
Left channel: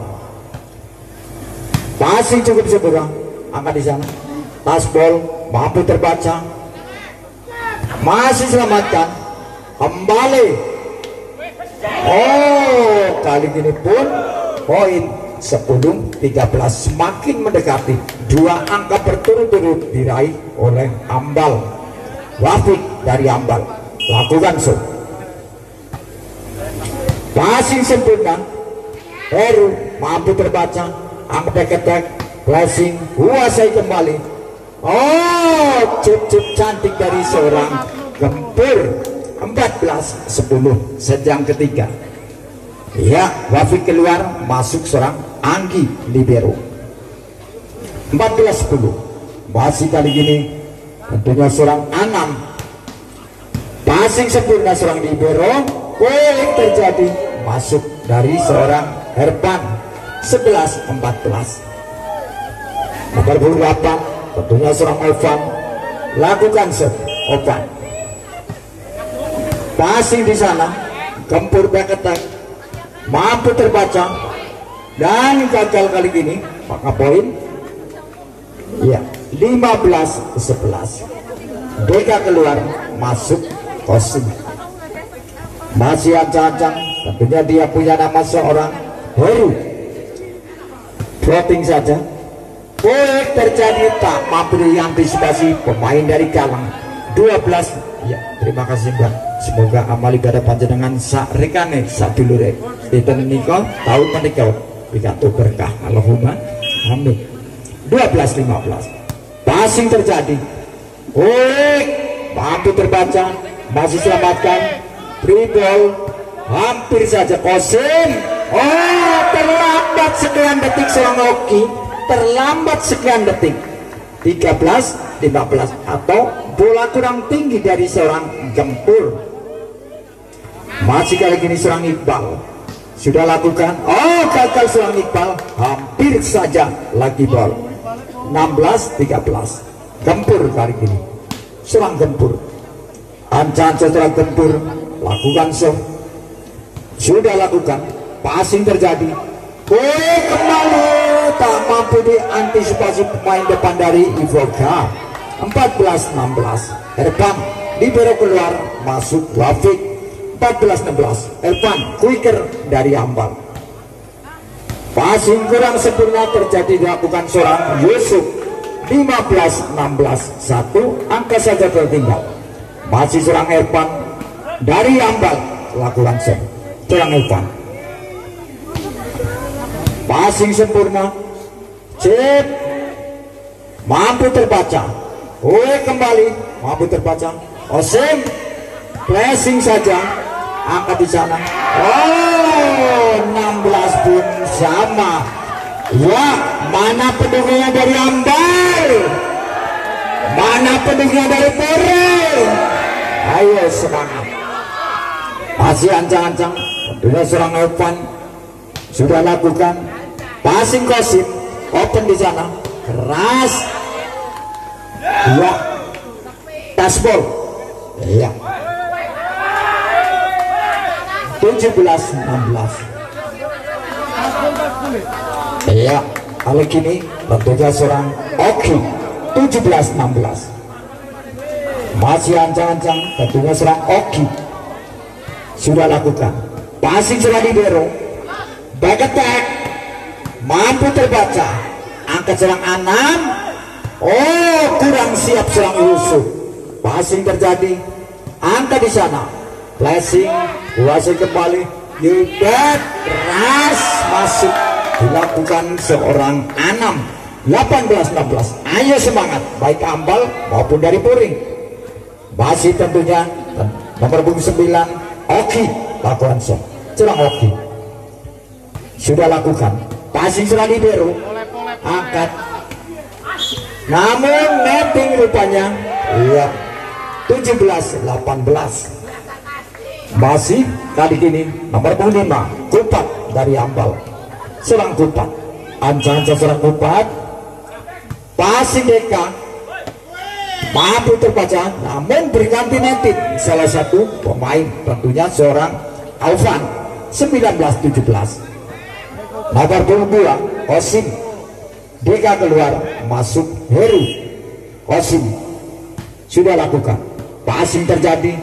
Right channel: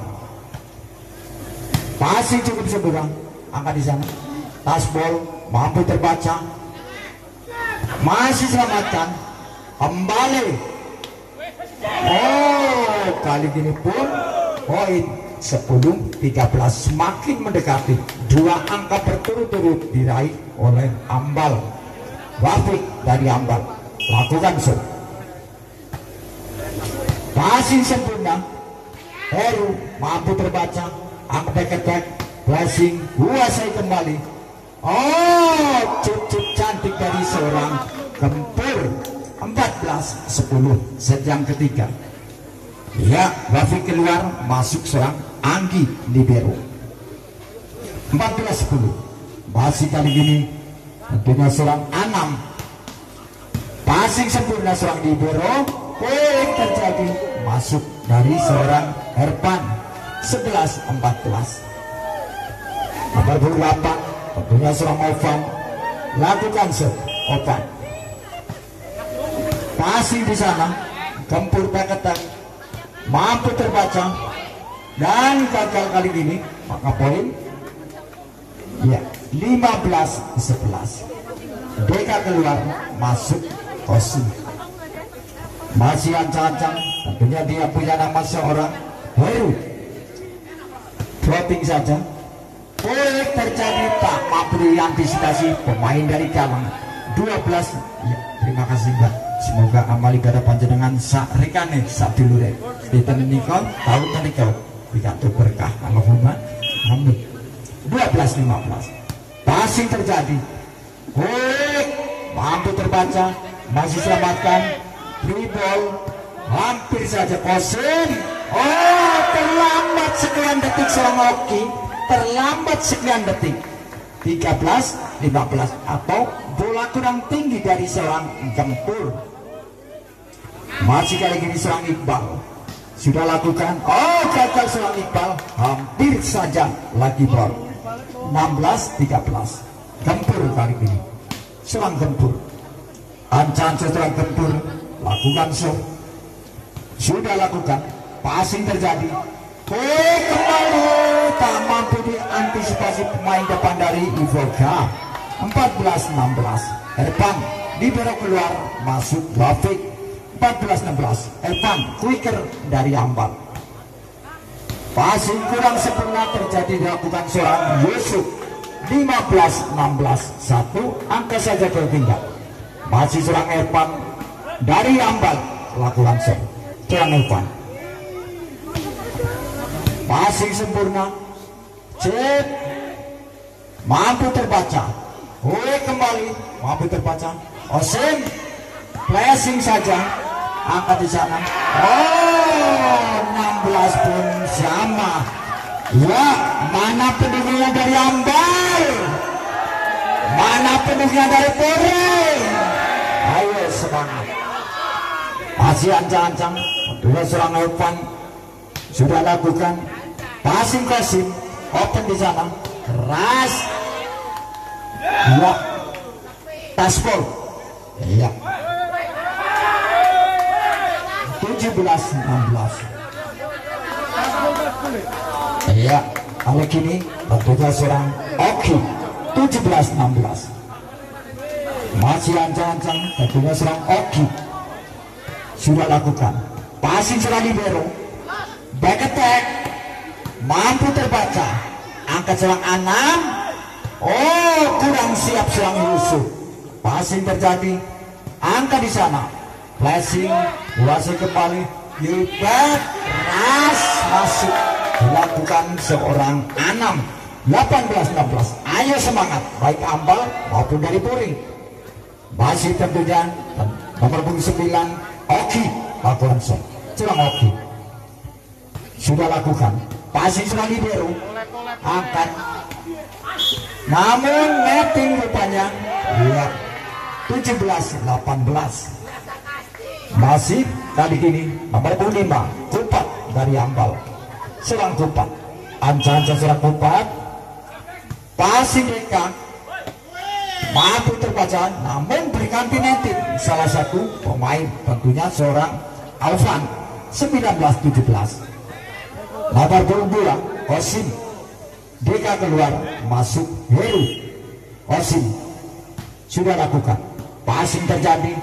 Passing cukup sempurna, angka di sana. Tasbol mampu terbaca, masih selamatkan, kembali. Oh, kali ini pun poin 10-13, semakin mendekati. 2 angka berturut-turut diraih oleh Ambal. Wafik dari Ambal lakukan serve. Passing sempurna, Heru mampu terbaca, angka back passing kuasai kembali. Oh, cukup cantik dari seorang Gempur. 14-10 sejam ketiga. Ya, Wafik keluar, masuk serang Anggi libero. 14-10. Masih kali ini tentunya serang Anam. Passing sempurna serang libero, boleh terjadi, masuk dari seorang Herban. 11-14. Nomor 28 tentunya serang Ovan, lakukan serve Ovan. Passing di sana, Gempur back attack, mampu terbaca dan gagal kali ini. Maka poin ya 15-11. Deka keluar, masuk Kosim. Masih ancang-ancang, tentunya dia punya nama seorang Heru. Floating saja, boleh terjadi, tak mampu diantisipasi pemain dari Galang. 12. Ya, terima kasih Mbak. Semoga amal ibadah panjenengan sak rekane sak dulure dinten nika taun menika pikantuk berkah. Allahumma amin. 12-15. Passing terjadi, mampu terbaca, masih selamatkan. Free ball, hampir saja Kosim. Oh, terlambat sekian detik seorang Oki, terlambat sekian detik. 13-15 atau bola kurang tinggi dari seorang Gempur. Masih kali ini serang Iqbal sudah lakukan. Oh, gagal serang Iqbal, hampir saja lagi ball. 16-13. Gempur kali ini serang Gempur. Ancang serang Gempur lakukan serve sudah lakukan passing terjadi. Kembali tak mampu diantisipasi pemain depan dari Ivoka. 14-16. Ervan libero keluar, masuk Wafik. 14-16. Ervan quicker dari Ambal. Passing kurang sempurna terjadi dilakukan seorang Yusuf. 15-16. 1 angka saja tertinggal. Masih seorang Ervan dari Ambal lakukan serve. Seorang Ervan. Passing sempurna, chip mampu terbaca. Kembali mampu terbaca. Osim flashing saja, angkat di sana. 16 pun sama. Ya, mana pendukungnya dari Ambar? Mana pendukungnya dari Perel? Ayo semangat. Masih ancang-ancang. Tentunya seorang Evan sudah lakukan. Passing Kosim, open di sana, keras, ya, taspol, ya, 17-16, ya, kali ini tentunya seorang Oki, 17-16, masih ancang-ancang, tentunya seorang Oki sudah lakukan. Passing seorang libero, back attack, mampu terbaca, angkat serang Anam. Kurang siap serang Yusuf. Passing terjadi, angkat di sana, flashing, kuasai kembali, libat, keras, masuk, dilakukan seorang Anam. 18-16. Ayo semangat, baik Ambal maupun dari Puring. Masih tentunya nomor punggung 9 Oki lakukan serve. Serang Oki sudah lakukan. Passing serang libero, angkat, namun netting rupanya. Iya, 17-18. Masih kali ini nomor 5 Kupat dari Ambal, serang Kupat, ancang-ancang serang Kupat. Passing Deka mampu terbaca, namun berganti netting salah satu pemain, tentunya seorang Alvan. 19-17. Nomor 22 Kosim, Deka keluar, masuk Heru. Kosim sudah lakukan. Passing terjadi,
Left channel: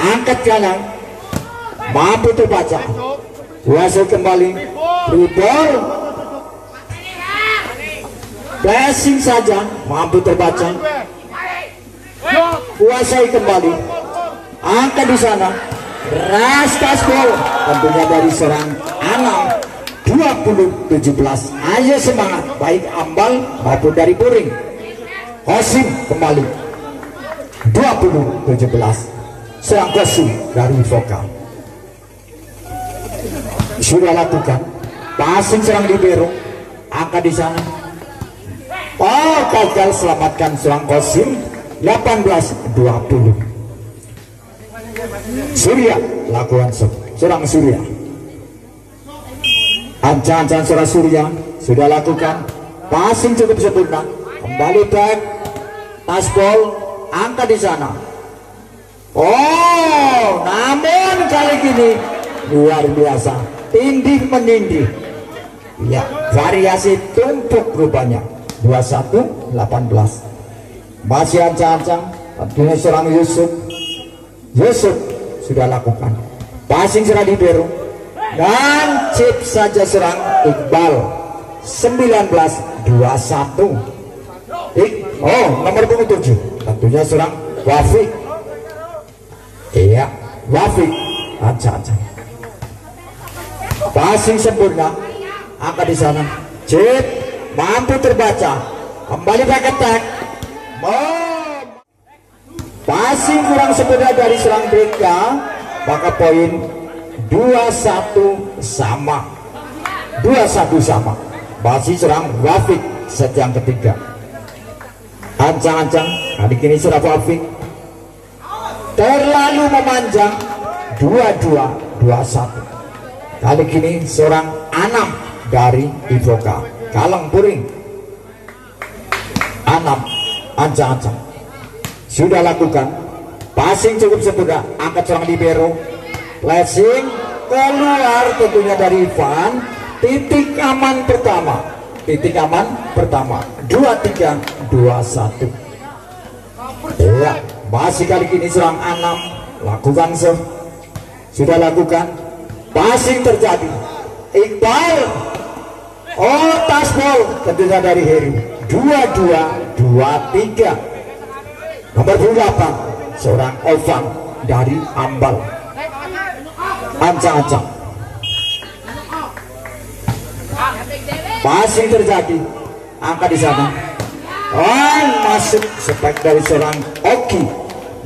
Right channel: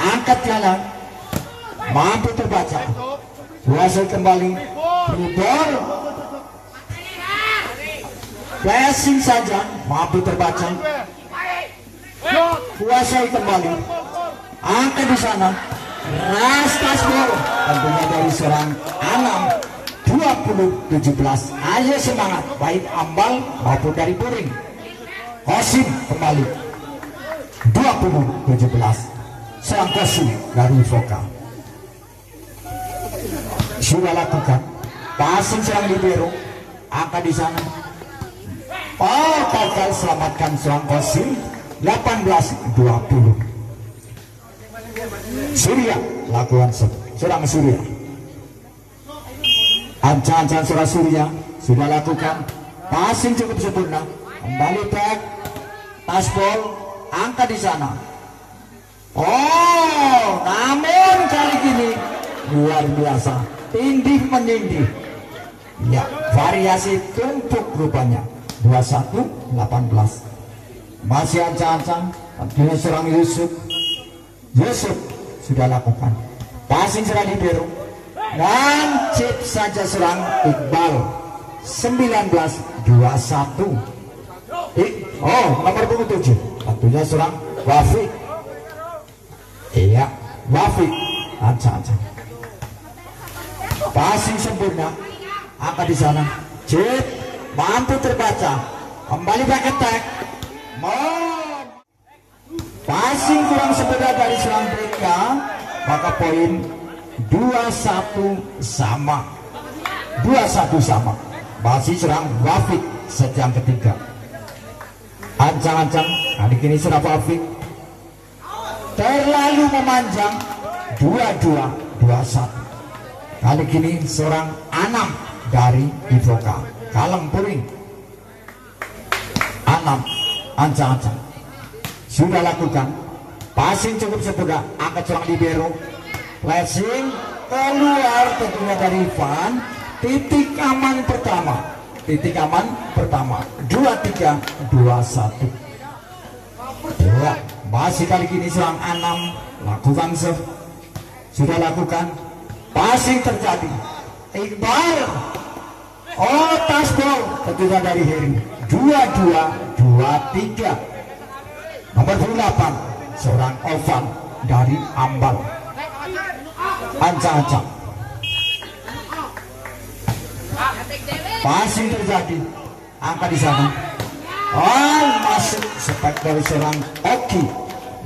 angkat jalan, mampu terbaca, kuasai kembali, ball, flashing saja, mampu terbaca, kuasai kembali, angkat di sana, rastas ball, tentunya dari serang Anam. 20-17. Ayo semangat, baik Ambal maupun dari Puring. Kosim kembali, 20-17. Serang Kosim dari Vokal sudah lakukan. Passing serang libero, angkat di sana. Gagal, selamatkan serang Kosim. 18-20. Surya lakukan serang Surya. Ancang-ancang serang Surya sudah lakukan. Passing cukup sempurna, kembali back, taspol, angkat di sana. Namun kali ini luar biasa, tindih menindih. Ya, variasi tumpuk rupanya. 21-18. Masih ancang-ancang, tentunya serang Yusuf. Yusuf sudah lakukan. Passing serang libero, dan chip saja serang Iqbal. 19-21. Nomor 27 tentunya serang Wafik. Iya, Wafik ancang-ancang. Passing sempurna, angkat di sana, chip mampu terbaca, kembali back attack. Passing kurang sempurna dari serang Deka, maka poin 21 sama. 21 sama. Masih serang Wafik set yang ketiga. Ancang-ancang kali ini serang Wafik terlalu memanjang. 22-21. Kali ini seorang Anam dari Ivoka, Kaleng Puring. Anam ancang-ancang sudah lakukan. Passing cukup sempurna, angkat serang libero, flashing, keluar tentunya dari Ivan. Titik aman pertama, 23-21. Ya, masih kali ini serang Anam, lakukan sudah lakukan, passing terjadi. Iqbal, oh tasbol tentunya dari Heru. 22-23. Nomor 8 seorang Ovan dari Ambal. Ancang-ancang. Masih terjadi. Angka di sana. Oh, masuk spek dari seorang Oki.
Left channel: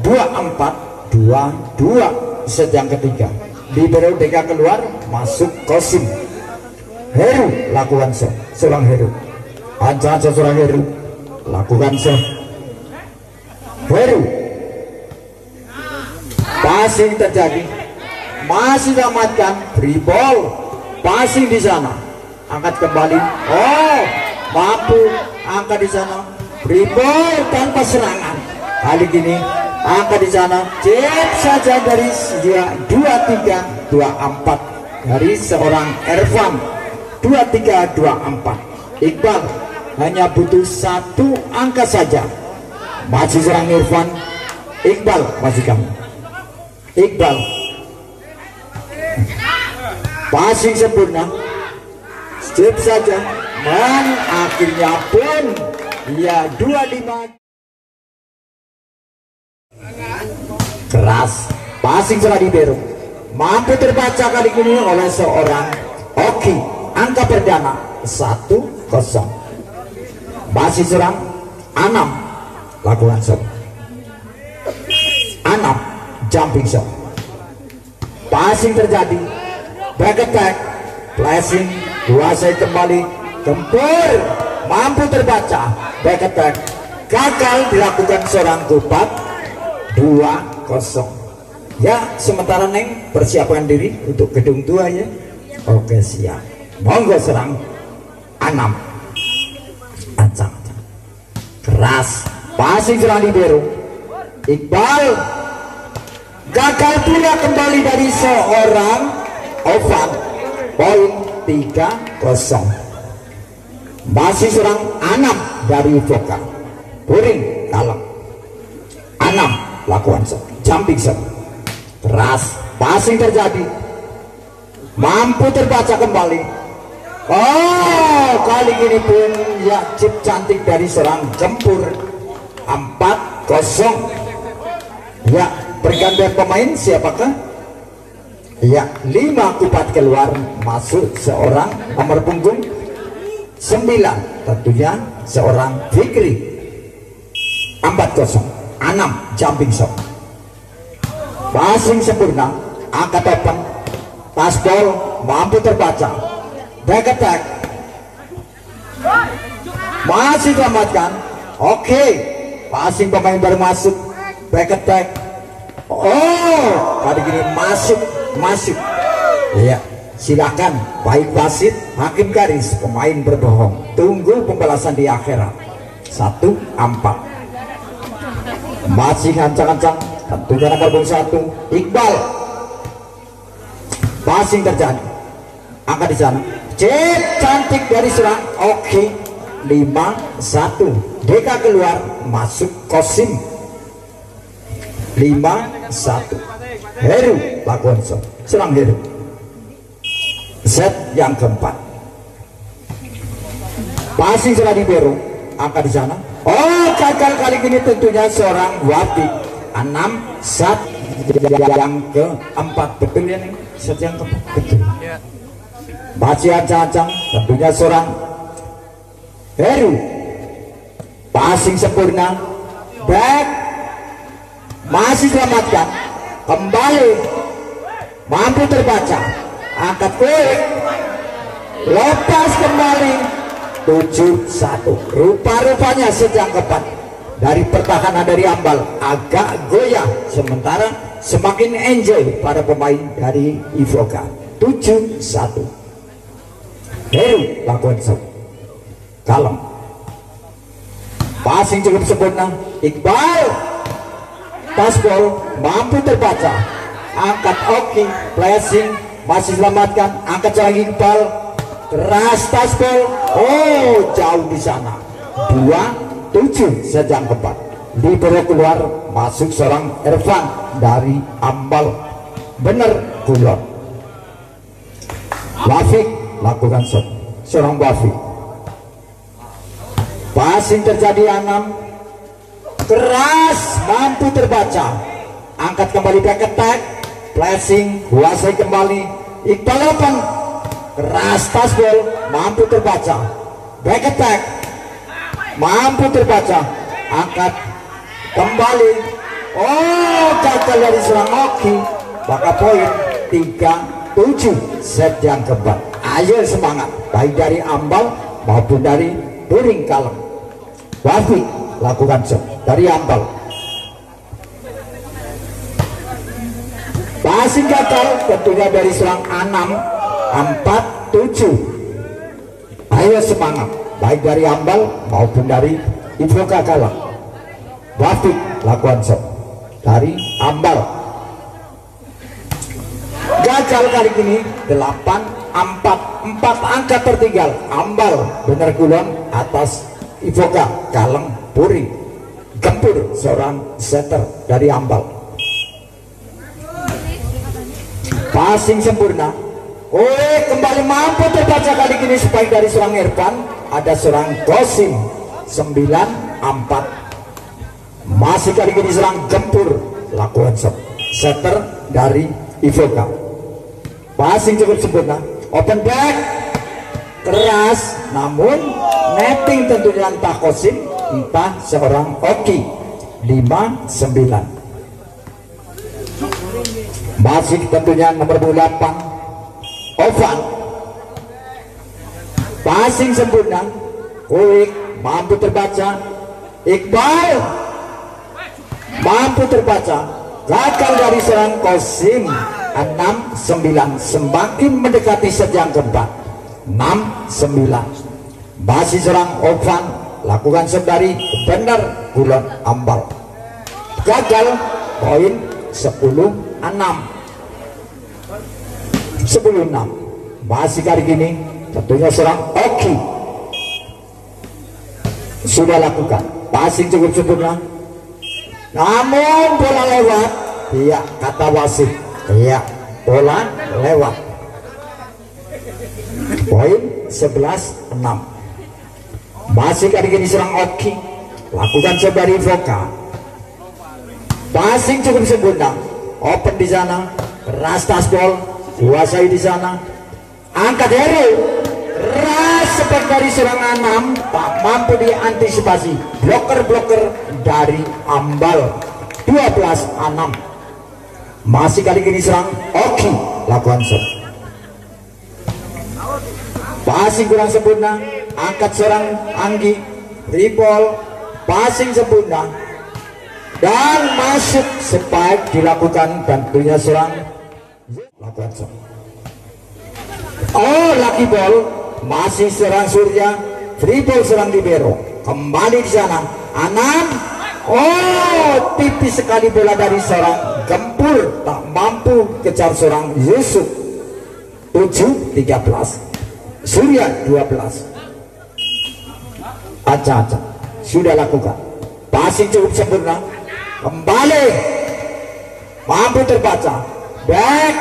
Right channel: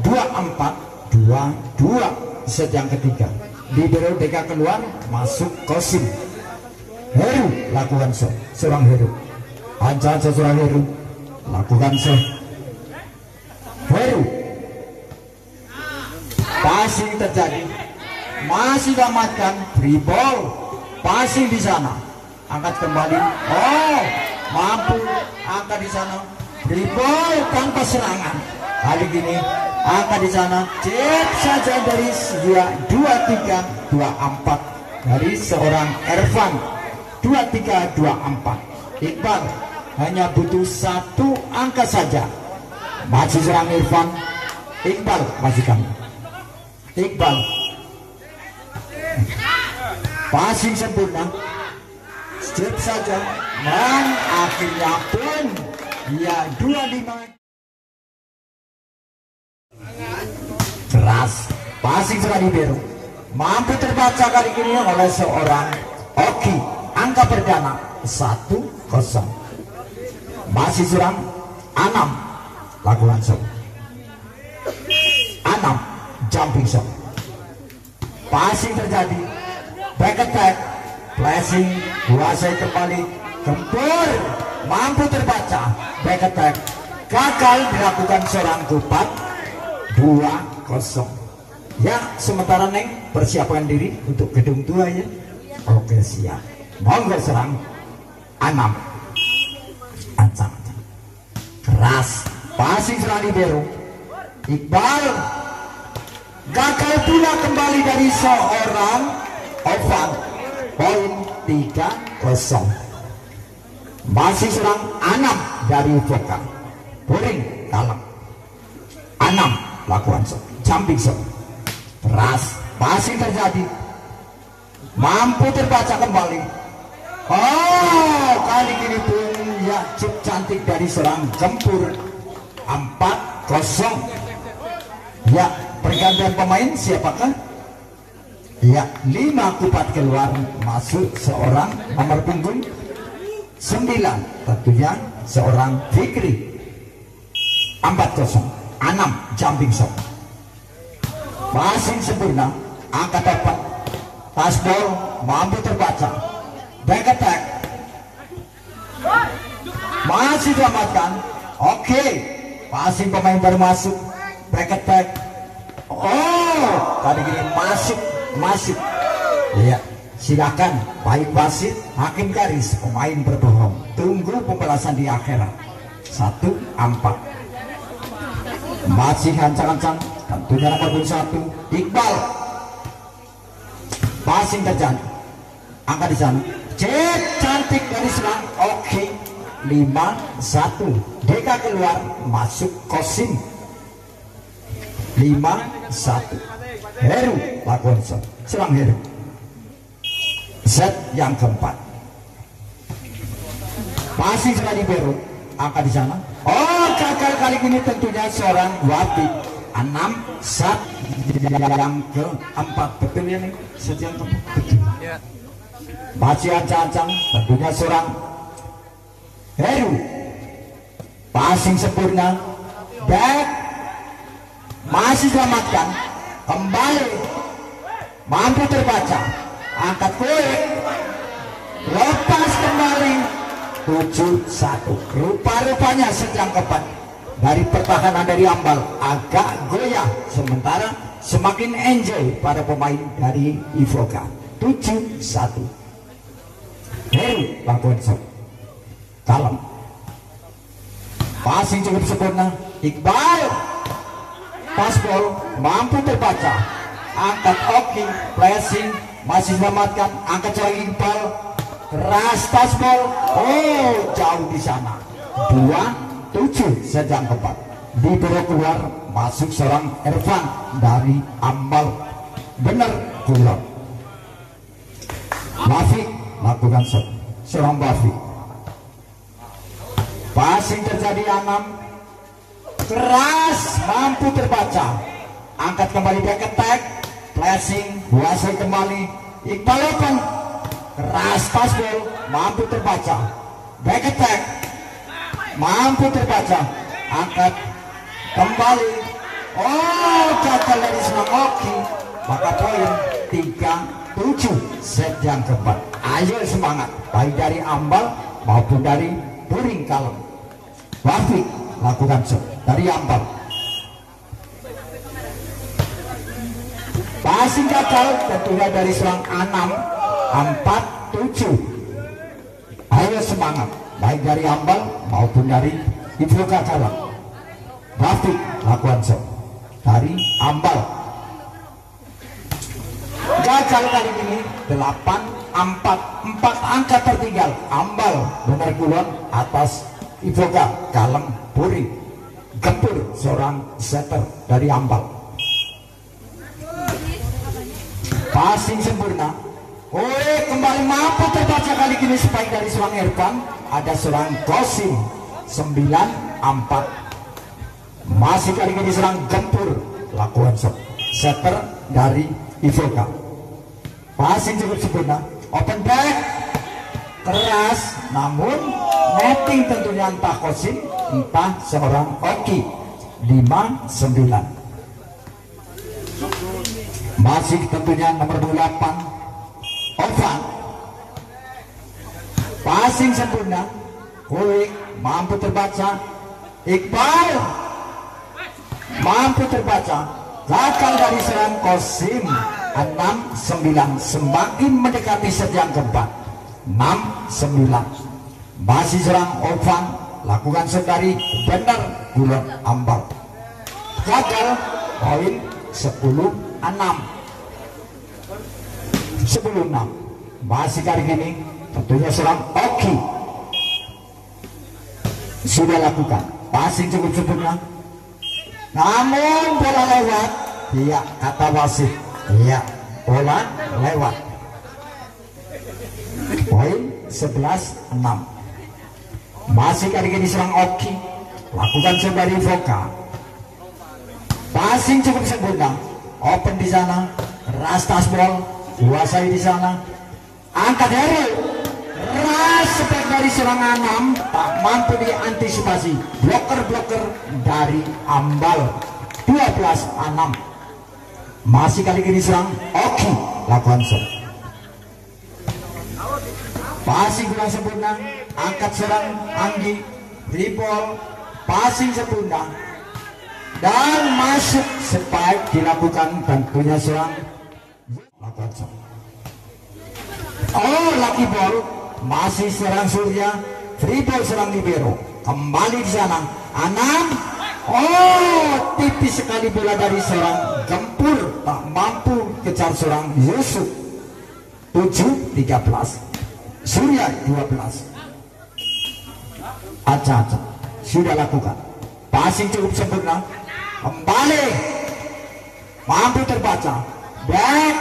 24-22. Set yang ketiga. Libero Deka keluar, masuk Kosim. Heru lakukan seorang Heru. Ancang-ancang seorang Heru. Lakukan Heru. Passing terjadi. Masih selamatkan. Free ball. Passing di sana. Angkat kembali. Oh, mampu angkat di sana. Free ball tanpa serangan. Kali ini angkat di sana. Cek saja dari 23-24 dari seorang Ervan. 23-24. Iqbal hanya butuh 1 angka saja. Masih serang Irfan. Iqbal masih kamu. Iqbal. Passing sempurna. Step saja. Dan akhirnya pun ya 25. Keras. Passing serang Libero. Mampu terbaca kali ini oleh seorang Oki. Angka perdana 1-0. Masih serang Anam. Lakukan Anam jumping shot. Passing terjadi. Back attack. Flashing. Kuasai kembali. Gempur. Mampu terbaca. Back attack. Gagal dilakukan seorang Kupat. 2-0. Ya, sementara Neng persiapkan diri untuk gedung tua ya. Oke, siap. Monggo serang Anam. Ancang. Keras. Passing serang Libero. Iqbal gagal punya kembali dari seorang Ovan. Poin 3-0. Masih serang Anam dari Voka. Puring dalam. Anam lakukan jumping shot. Keras. Passing terjadi. Mampu terbaca kembali. Oh, kali ini pun ya chip cantik dari seorang Jempur. 4-0. Ya, pergantian pemain siapakah? Ya, 5 Kupat keluar, masuk seorang nomor punggung 9, tentunya seorang Fikri. 4-0. Anam jumping shot. Passing sempurna. Angkat depan. Pass ball mampu terbaca. Back attack. Masih selamatkan. Oke. Passing pemain baru masuk. Back attack. Oh, kali ini masuk. Ya, silakan. Baik wasit, hakim garis, pemain berbohong. Tunggu pembalasan di akhirat. 1-4. Masih ancang-ancang. Tentunya nomor 1 Iqbal. Passing terjadi. Angkat di sana. Cek cantik dari serang. Oke. 5-1. Deka keluar, masuk Kosim. 5-1. Heru lakukan serang Heru. Set yang keempat. Passing serang Libero. Angkat di sana. Oh, gagal kali ini tentunya seorang Wapi. 6-1. Yang keempat. Betul ya nih? Set yang keempat. Betul. Masih ancang-ancang. Tentunya seorang Heru. Passing sempurna. Back. Masih selamatkan. Kembali. Mampu terbaca. Angkat kulit. Lepas kembali. 7-1. Rupa-rupanya sejak keempat dari pertahanan dari Ambal agak goyah, sementara semakin enjoy pada pemain dari Ivoka. 7-1. Heru lakukan shot. Kalem. Passing cukup sempurna. Iqbal. Pass ball mampu terbaca. Angkat oke. Flashing masih selamatkan, angkat seorang Iqbal, keras tasbol, oh jauh di sana. 2-7 sedang keempat. Libero keluar, masuk seorang Irfan dari Ambal, benar Kulon. Wafik lakukan shot, seorang Wafik. Passing terjadi 6, keras, mampu terbaca, angkat kembali back attack, flashing, kuasai kembali, Iqbal open, keras tasbol, mampu terbaca, back attack, mampu terbaca, angkat kembali, oh gagal dari seorang Oki, maka poin 3-7 set yang keempat. Ayo semangat, baik dari Ambal maupun dari Turing Kalem. Wafik lakukan shot dari Ambal, passing gagal tentunya dari seorang Anam. 4-7. Ayo semangat, baik dari Ambal maupun dari Ivoka Kalem. Wafik lakukan shot dari Ambal, gagal kali ini. 8-4, 4 angka tertinggal. Ambal benar Kulon atas Ivoka Kalem Puri. Gempur seorang setter dari Ambal, passing sempurna, oh kembali mampu terbaca kali ini spike dari seorang Irfan. Ada seorang Kosim. 9-4, masih kali ini serang Gempur lakukan shot, setter dari Ivoka. Passing cukup sempurna, open back, keras, namun netting tentunya entah Kosim entah seorang Oki. 5-9, masih tentunya nomor 8 Ovan. Passing sempurna, quick, mampu terbaca, Iqbal mampu terbaca, gagal dari seorang Kosim. 6-9, semakin mendekati sejam keempat. 6-9, masih serang Ovan lakukan shot dari benar Kulon Ambal, gagal, poin 10-6. 10-6, masih kali ini tentunya serang Oki sudah lakukan passing cukup sempurna, namun bola lewat. Iya kata wasit, iya bola lewat. Poin 11-6, masih kali ini serang Oki lakukan shot dari Ivoka. Passing cukup sempurna, open di sana, keras tasbol, kuasai di sana, angkat Heru, keras sepak dari seorang Anam, tak mampu diantisipasi, bloker dari Ambal. 12-6, masih kali ini serang Oki lakukan shot. Passing kurang sempurna, angkat serang Anggi, triple, passing sempurna, dan masuk spike dilakukan tentunya serang lakukan shot. Oh lucky ball, masih serang Surya, triple serang Libero, kembali di sana Anam, oh tipis sekali bola dari seorang Gempur, tak mampu kejar seorang Yusuf. 7-13, Surya 12. Acak-acak sudah lakukan passing cukup sempurna, kembali mampu terbaca, back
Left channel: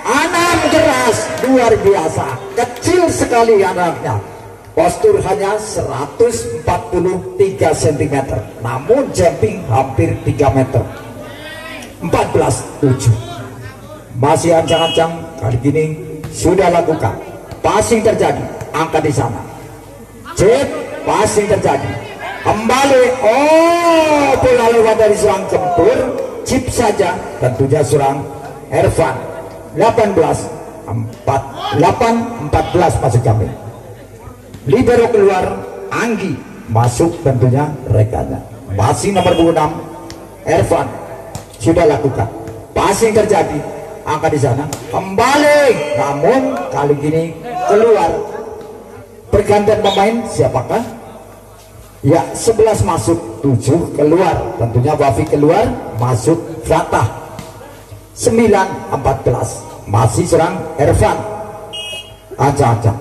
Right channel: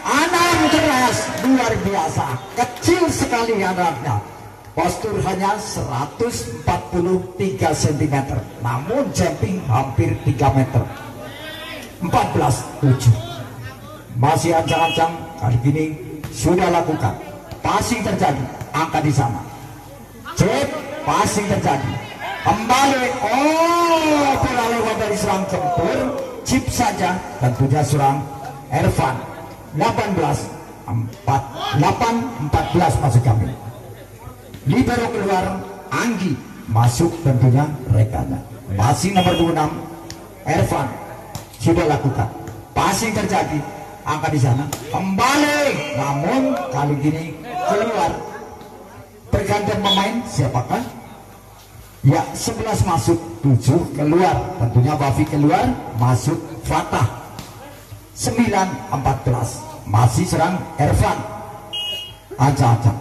Anam keras, luar biasa, kecil sekali anaknya, postur hanya 143 cm, namun jumping hampir 3 meter. 14-7, masih ancang-ancang kali ini sudah lakukan passing terjadi, angkat di sana, chip, passing terjadi, kembali, oh bola lewat dari serang Gempur, chip saja tentunya serang Irfan. 18-14 masih kami. Libero keluar, Anggi masuk tentunya rekannya, masih nomor 26 Irfan sudah lakukan passing terjadi, angkat di sana, kembali, namun kali ini keluar. Pergantian pemain siapakah? Ya 11 masuk, 7 keluar, tentunya Wafi keluar, masuk Fatah. 9-14. Masih serang Ervan. Acak-acak.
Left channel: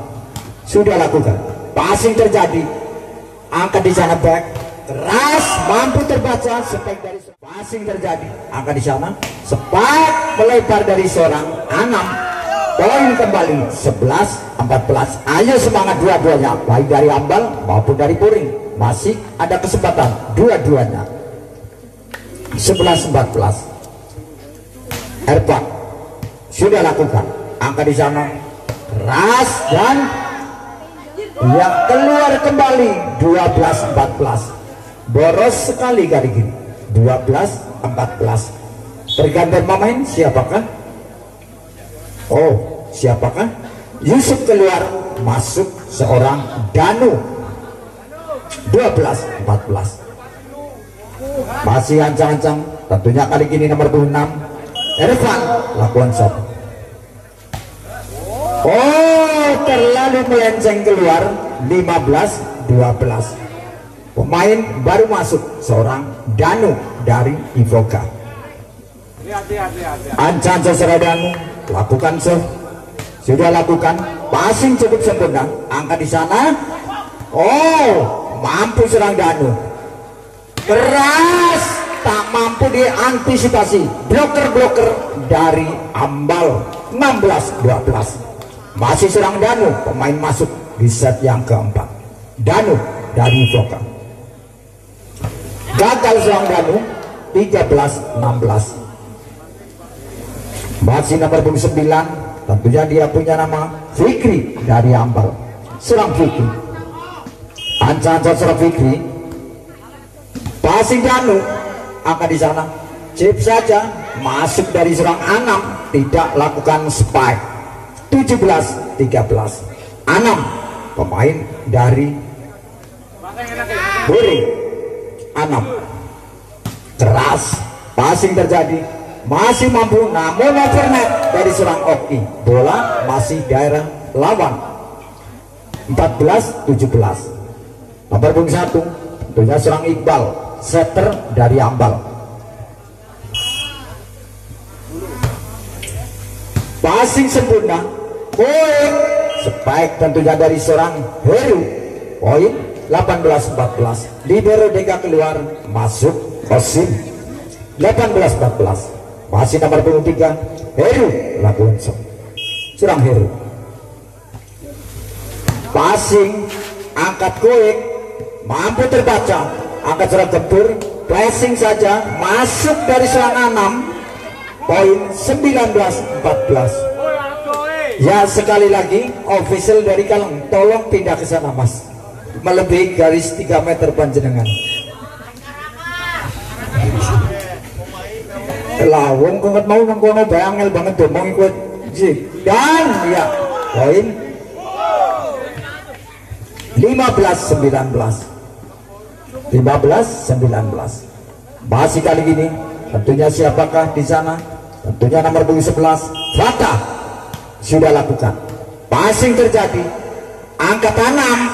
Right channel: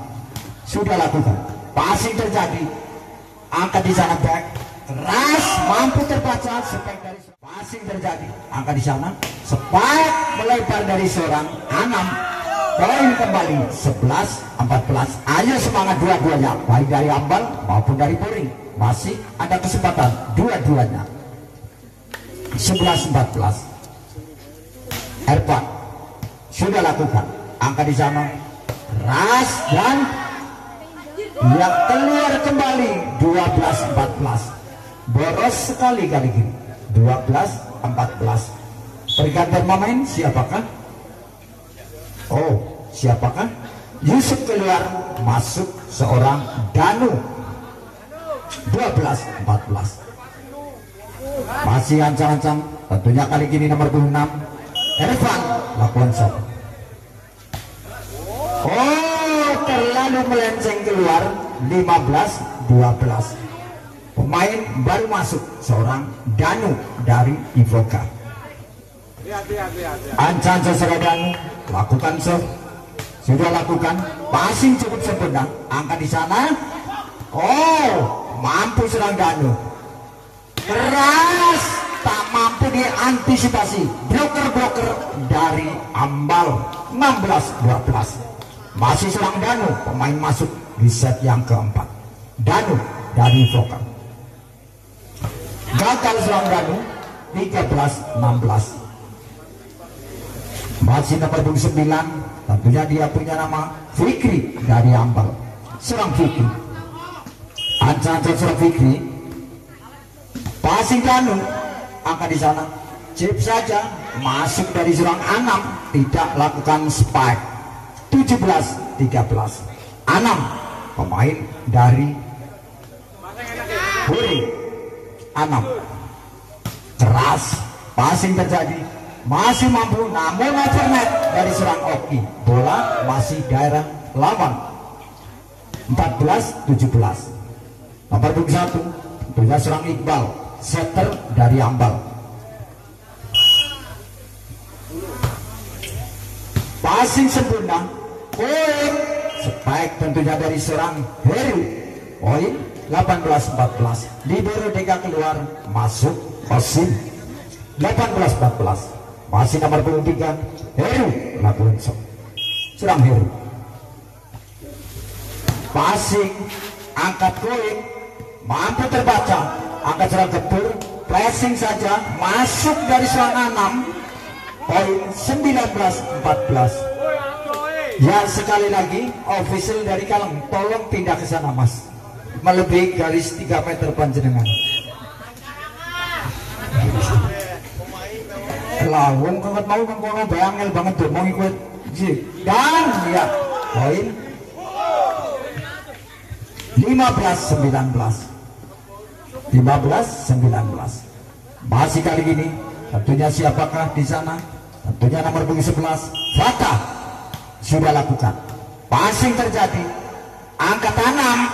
Sudah lakukan. Passing terjadi. Angkat di sana back. Keras, mampu terbaca. Spike dari passing terjadi. Angkat di sana. Spike melebar dari seorang Anam. Poin kembali 11-14. Ayo semangat dua-duanya, baik dari Ambal maupun dari Puring. Masih ada kesempatan dua-duanya. 11-14. Ervan sudah lakukan. Angkat di sana. Ras dan yang keluar kembali 12-14. Boros sekali kali ini. 12-14. Pergantian pemain siapakah? Oh, siapakah? Yusuf keluar, masuk seorang Danu. 12-14. Masih ancang-ancang. Tentunya kali ini nomor 26 Ervan lakukan shot. Oh, terlalu melenceng keluar. 15-12. Pemain baru masuk seorang Danu dari Ivoka. Ancang-ancang seorang Danu lakukan shot. Sudah lakukan. Passing cukup sempurna. Angkat di sana. Oh, mampu serang Danu. Keras, tak mampu diantisipasi. Bloker-bloker dari Ambal. 16-12. Masih serang Danu. Pemain masuk di set yang keempat. Danu dari Ivoka. Gagal serang Danu. 13-16. Masih nomor 29. Tentunya dia punya nama Fikri dari Ambal. Serang Fikri. Ancang-ancang serang Fikri. Passing Danu. Angkat di sana. Chip saja. Masuk dari serang Anam. Tidak lakukan spike. 17-13. Anam. Pemain dari Puring. Anam. Keras. Passing terjadi. Masih mampu, namun overnet dari serang Oki. Bola masih daerah lawan. 14-17. Nomor 21 tentunya serang Iqbal, setter dari Ambal. Passing sempurna. Poin spike tentunya dari serang Heru. Poin 18-14. Libero Deka keluar, masuk Osim. 18-14. Masih nomor 23 Heru lakukan serang Heru. Passing, angkat koin, mampu terbaca. Angkat serang Gempur, pressing saja, masuk dari serang Anam. Poin 19-14. Ya, sekali lagi official dari Kaleng, tolong pindah ke sana Mas, melebihi garis 3 meter panjenengan. Lawong kok mau nang bangel banget domong ikut dan ya poin 15-19. 15-19. Masih kali ini tentunya siapakah di sana? Tentunya nomor 11 Fatah sudah lakukan. Passing terjadi. Angkat tanam.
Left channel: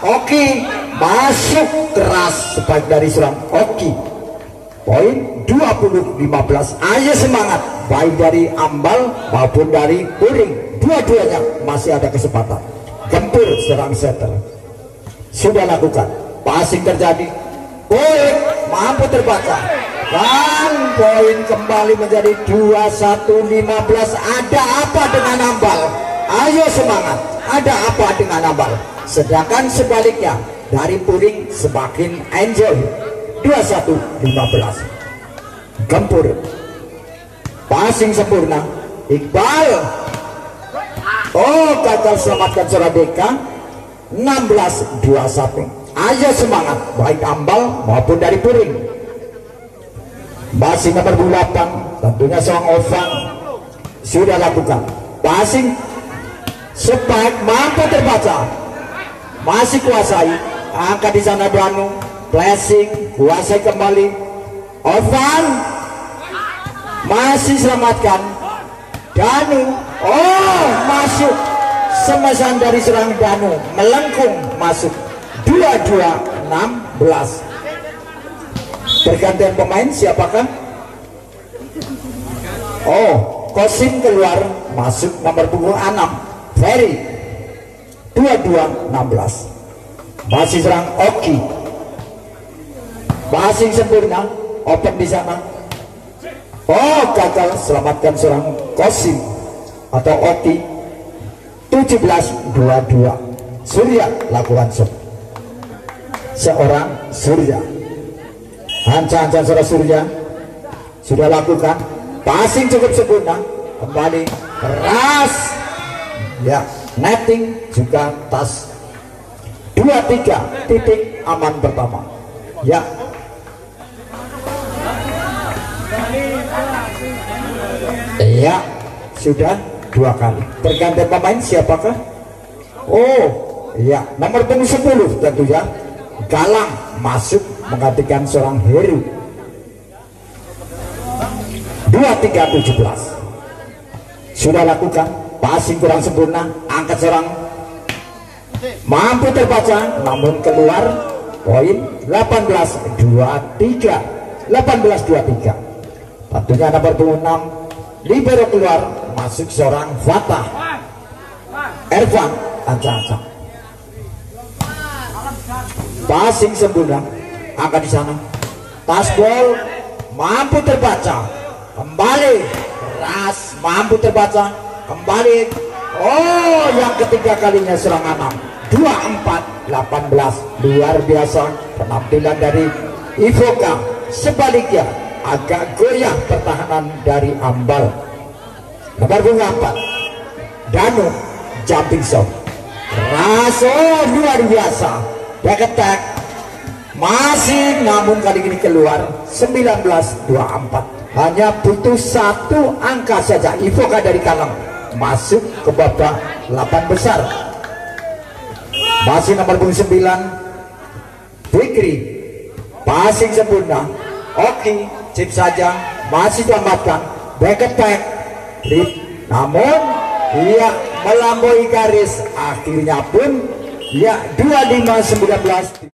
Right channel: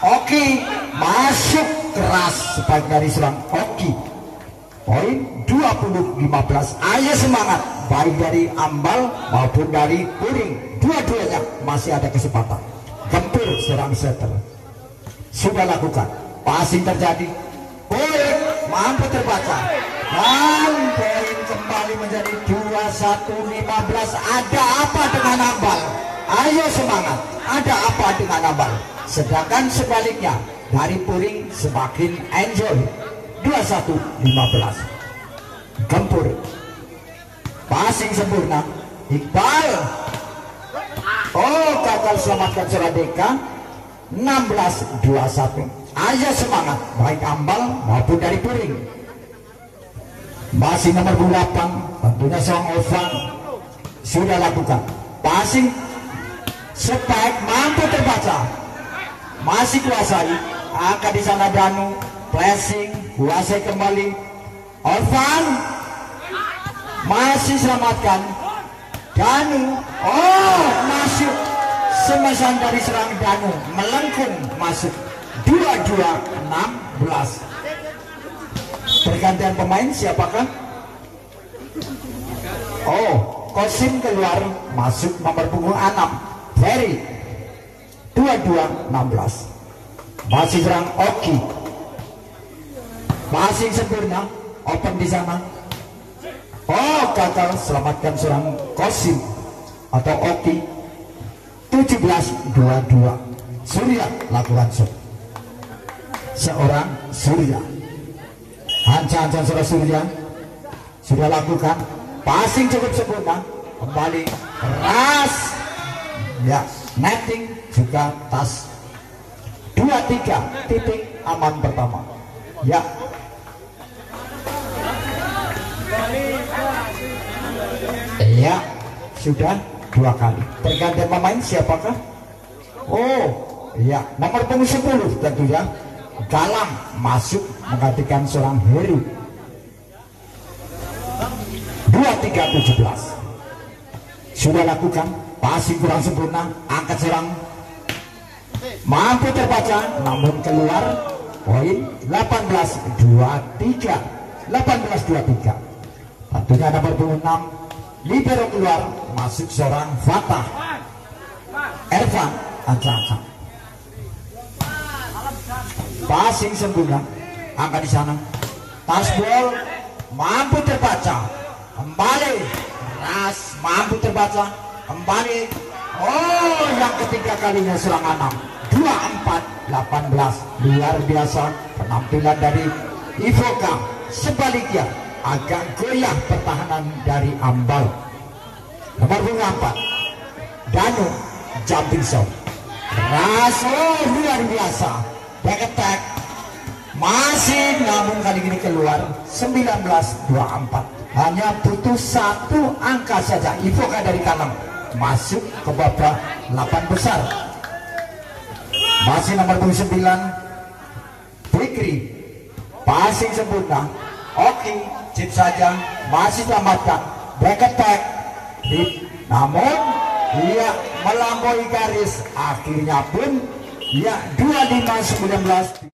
Oki masuk keras sebaik dari serang Oki. Poin 20-15. Ayo semangat, baik dari Ambal maupun dari Puring. Dua-duanya masih ada kesempatan. Gempur serang setter. Sudah lakukan. Passing terjadi. Poin mampu terbaca. Dan poin kembali menjadi 21-15. Ada apa dengan Ambal? Ayo semangat. Ada apa dengan Ambal? Sedangkan sebaliknya dari Puring semakin enjoy. 21-15. Gempur. Passing sempurna. Iqbal. Oh, gagal selamatkan Soradeka. 16-21. Ayo semangat, baik Ambal maupun dari Puring. Masih nomor 8 tentunya seorang Ovan sudah lakukan. Passing spike mampu terbaca. Masih kuasai. Angkat di sana Danu. Flashing, kuasai kembali. Ovan masih selamatkan. Danu, oh masuk. Semesan dari serang Danu, melengkung masuk. 22-16. Pergantian pemain siapakah? Oh, Kosim keluar, masuk nomor punggung 6 Ferry 22-16. Masih serang Oki, passing sempurna, open di sana. Oh, gagal, selamatkan seorang Kosim atau Oki. 17-22. Surya lakukan shot. Seorang Surya, hancur seorang Surya sudah lakukan passing cukup sempurna, kembali keras ya, netting juga tas. 2-3 titik aman pertama ya. Ya, sudah 2 kali. Tergantung pemain siapakah? Oh, ya, nomor punggung 10 tentunya Galang masuk menggantikan seorang Heru. 23-17. Sudah lakukan passing kurang sempurna, angkat serang mampu terbaca namun keluar. Poin 18-23. 18-23. Tentunya nomor punggung 6 libero keluar, masuk seorang Fatah Ervan Anca-Anca. Passing sempurna, angkat di sana. Tasbol mampu terbaca, kembali keras, mampu terbaca, kembali. Oh, yang ketiga kalinya serangan 24-18. Luar biasa penampilan dari Ivoka. Sebaliknya agak goyah pertahanan dari Ambal. Nomor 4 Danu jumping shot keras, oh luar biasa, back attack masih, namun kali ini keluar. 19-24. Hanya butuh 1 angka saja Ivoka dari kanan masuk ke babak 8 besar. Masih nomor 9 Fikri, passing sempurna. Oke, chip saja, masih selamatkan, back attack trip, namun dia melampaui garis, akhirnya pun ya 25-19.